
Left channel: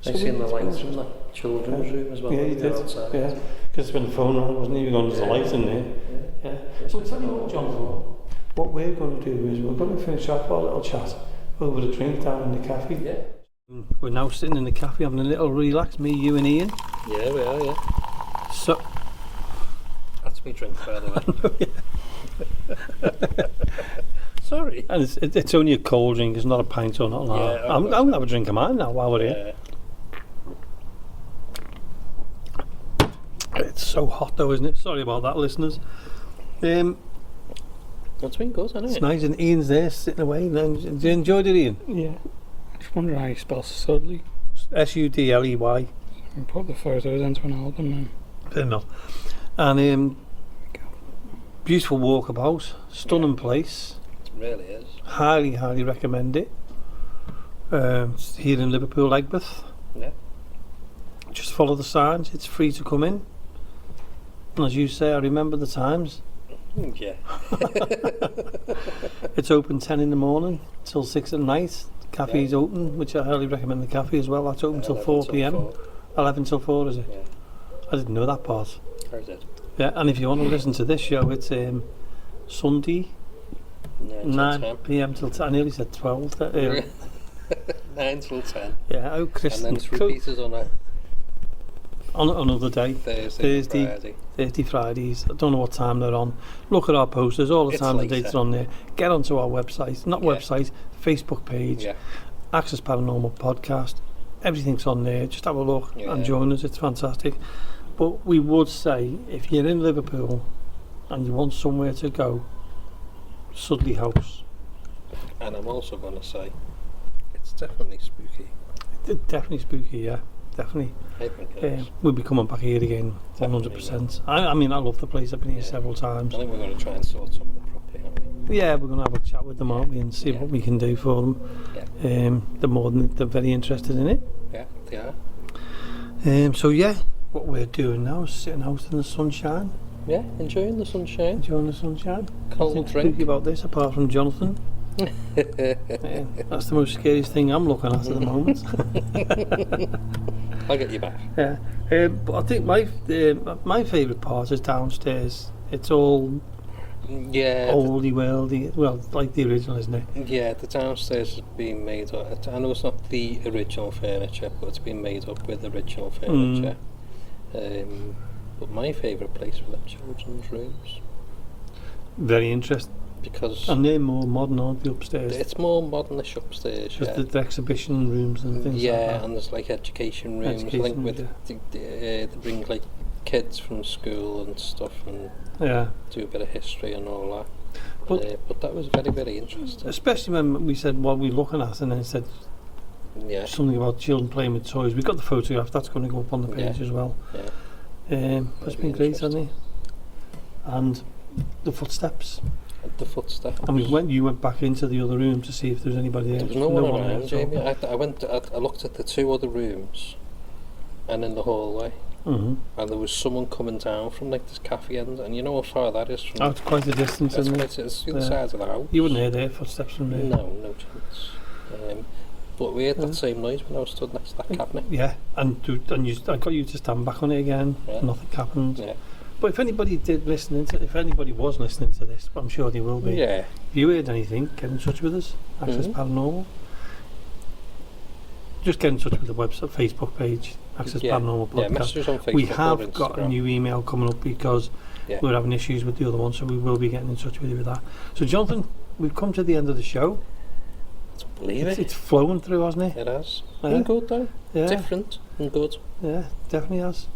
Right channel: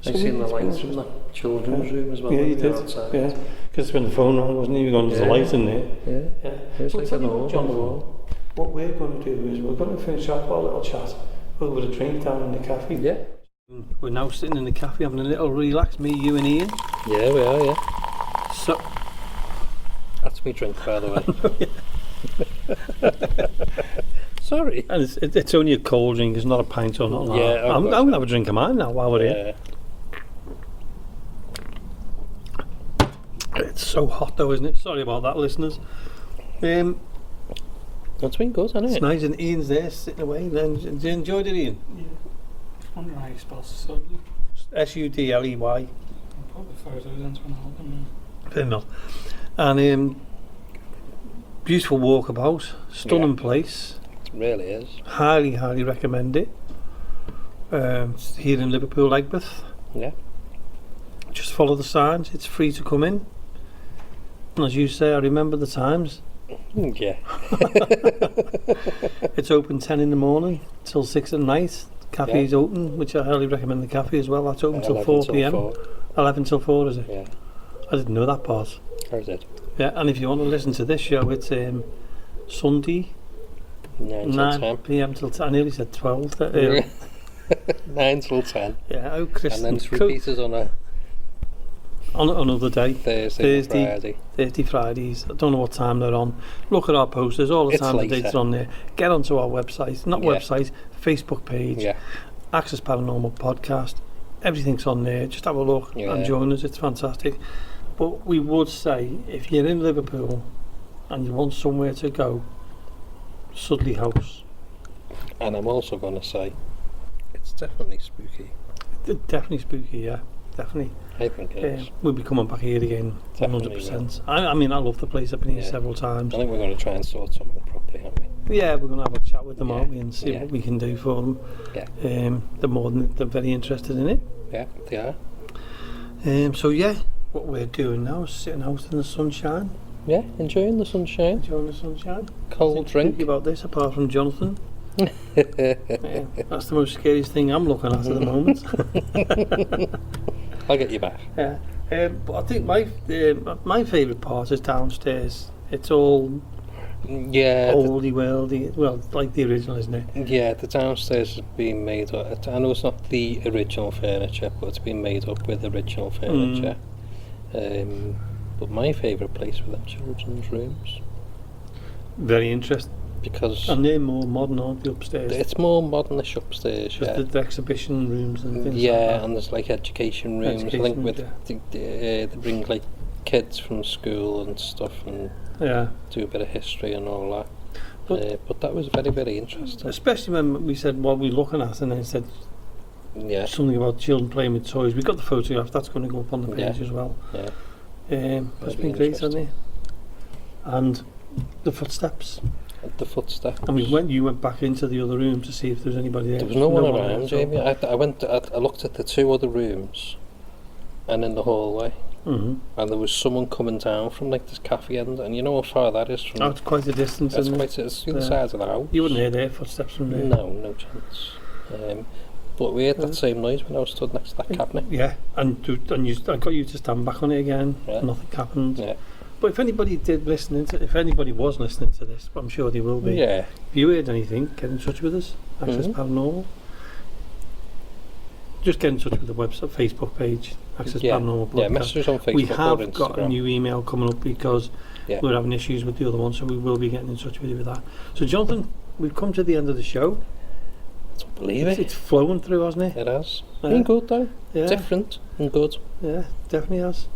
So I seen the lights from the children's room as well. Yeah, you did. Outside. Yeah, because when the phone rang, wasn't it? You were going, there's a light in there. Yeah. So tell you what, Jonathan, what we're going to do is we're going to finish off our little chat over a drink down in the cafe. Yeah. We're now sitting in the cafe having a little relax, me, you and Ian. Yeah, we are, yeah. So, That's me drink, by the way. Sorry. and it's only a cold drink, it's not a pint or nothing. Yeah, I'm going to have a drink of mine now while we're here. It's so hot though, isn't it? Sorry about that, listeners. That's been good, hasn't It's it? nice, and Ian's there sitting away. Did you enjoy it, Ian? Yeah. Just wondering how you spell Sudley. Sudley. I'll put the photos into an album. Fair enough. And beautiful walkabout, stunning place. It really is. Highly recommend it. It's here in Liverpool, Egbert. Yeah. Just follow the signs. It's free to come in. And as you say, I remember the times. Yeah. It's open 10 in the morning till 6 at night. The cafe's open, which I highly recommend the cafe as well. That's open till 4 p.m. 11 till 4, is it? Yeah. I didn't know that part. How's it? Yeah, and if you want to listen to this show, it's Sunday, 9 p.m. till 10. I nearly said 12. 9 till 10. Yeah, oh, Chris. And then it's repeated on a on another day. Thursday, Fridays. I don't know what time they're on. Look at our posters, all the It's times and later. dates are on there. Get onto our website, not website, Facebook page, Yeah. Access Paranormal podcast. Everything's on there. Just have a look and join us. It's fantastic. But we would say, if you're in Liverpool and you want somewhere to go, Sudley House. And I'm also going to say, it's definitely spooky. Definitely spooky, yeah. Definitely. I think it is. We'll be coming back here again, Definitely, 100%. I mean, I love the place. I've been here several times. I think we're going to try and sort something properly, aren't we? Yeah, we're going to have a chat with them, aren't we, and see what we can do for them. Yeah. They're very interested in it. Yeah, they are. So yeah, what we're doing now is sitting out in the sunshine. Yeah, enjoying the sunshine. Enjoying the sunshine. Cold Nothing drink. spooky about this, apart from Jonathan. That's the most scariest thing I'm looking at the moment. I'll get you back. Yeah, but I think my favourite part is downstairs. It's all oldie worldy, well, like the original, isn't it? Yeah, the downstairs has been made up. I know it's not the original furniture, but it's been made up with original furniture. But my favourite place were the children's rooms. Very interesting. Because and they're more modern, aren't they, upstairs? It's more modernish upstairs, just the exhibition rooms and things like yeah, that. and there's like education rooms. I think with they bring like kids from school and stuff and do a bit of history and all that. But that was very, very interesting. Especially when we said what we're looking at, and then it said something about children playing with toys. We've got the photograph, that's going to go up on the page as well. Yeah. It's been great, hasn't it? And the footsteps. And you went back into the other room to see if there was anybody there. There was no one around, Jamie. I looked at the two other rooms and in the hallway. And there was someone coming down from like this cafe end, and you know how far that is from. Oh, it's quite a distance, isn't it? It's the other side of the house. You wouldn't hear their footsteps from there. No chance. But we heard that same noise when I was stood next to that cabinet. Yeah, and I got you to stand back on it again. Nothing happened. Yeah. But if anybody if anybody was listening to this, I'm sure they will be. Yeah. If you heard anything, get in touch with us. Access Paranormal. Just get in touch with the website, Facebook page, Access Paranormal Podcast. Yeah, messages on Facebook. We have got a new email coming up because we're having issues with the other one, so we will be getting in touch with you with that. So, Jonathan, we've come to the end of the show. I don't believe it. It's flown through, hasn't it? It has. Been good though. Yeah. Different and good. Yeah, definitely has.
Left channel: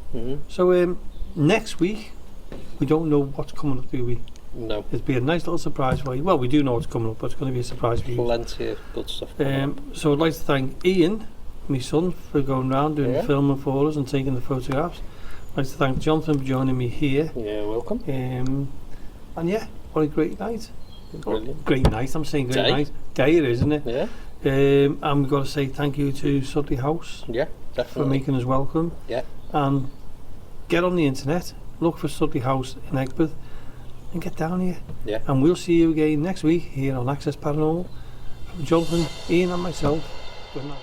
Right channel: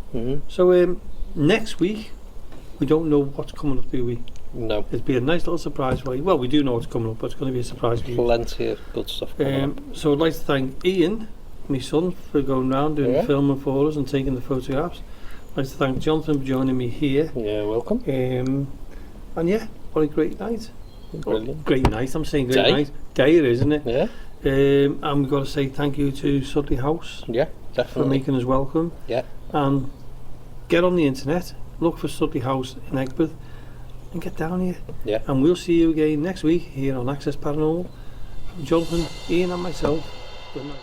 So next week, we don't know what's coming up, do we? No. It'll be a nice little surprise for you. Well, we do know what's coming up, but it's going to be a surprise for you. Plenty of good stuff coming up. So I'd like to thank Ian, my son, for going round doing the filming for us and taking the photographs. I'd like to thank Jonathan for joining me here. Yeah, welcome. And yeah, what a great night. Brilliant. Great night, I'm saying great night. Day it is, isn't it? Yeah. And we've got to say thank you to Sudley House. Yeah, definitely. For making us welcome. Yeah. And get on the internet, look for Sudley House in Egbert, and get down here. Yeah. And we'll see you again next week here on Access Paranormal. From Jonathan, Ian and myself, good night.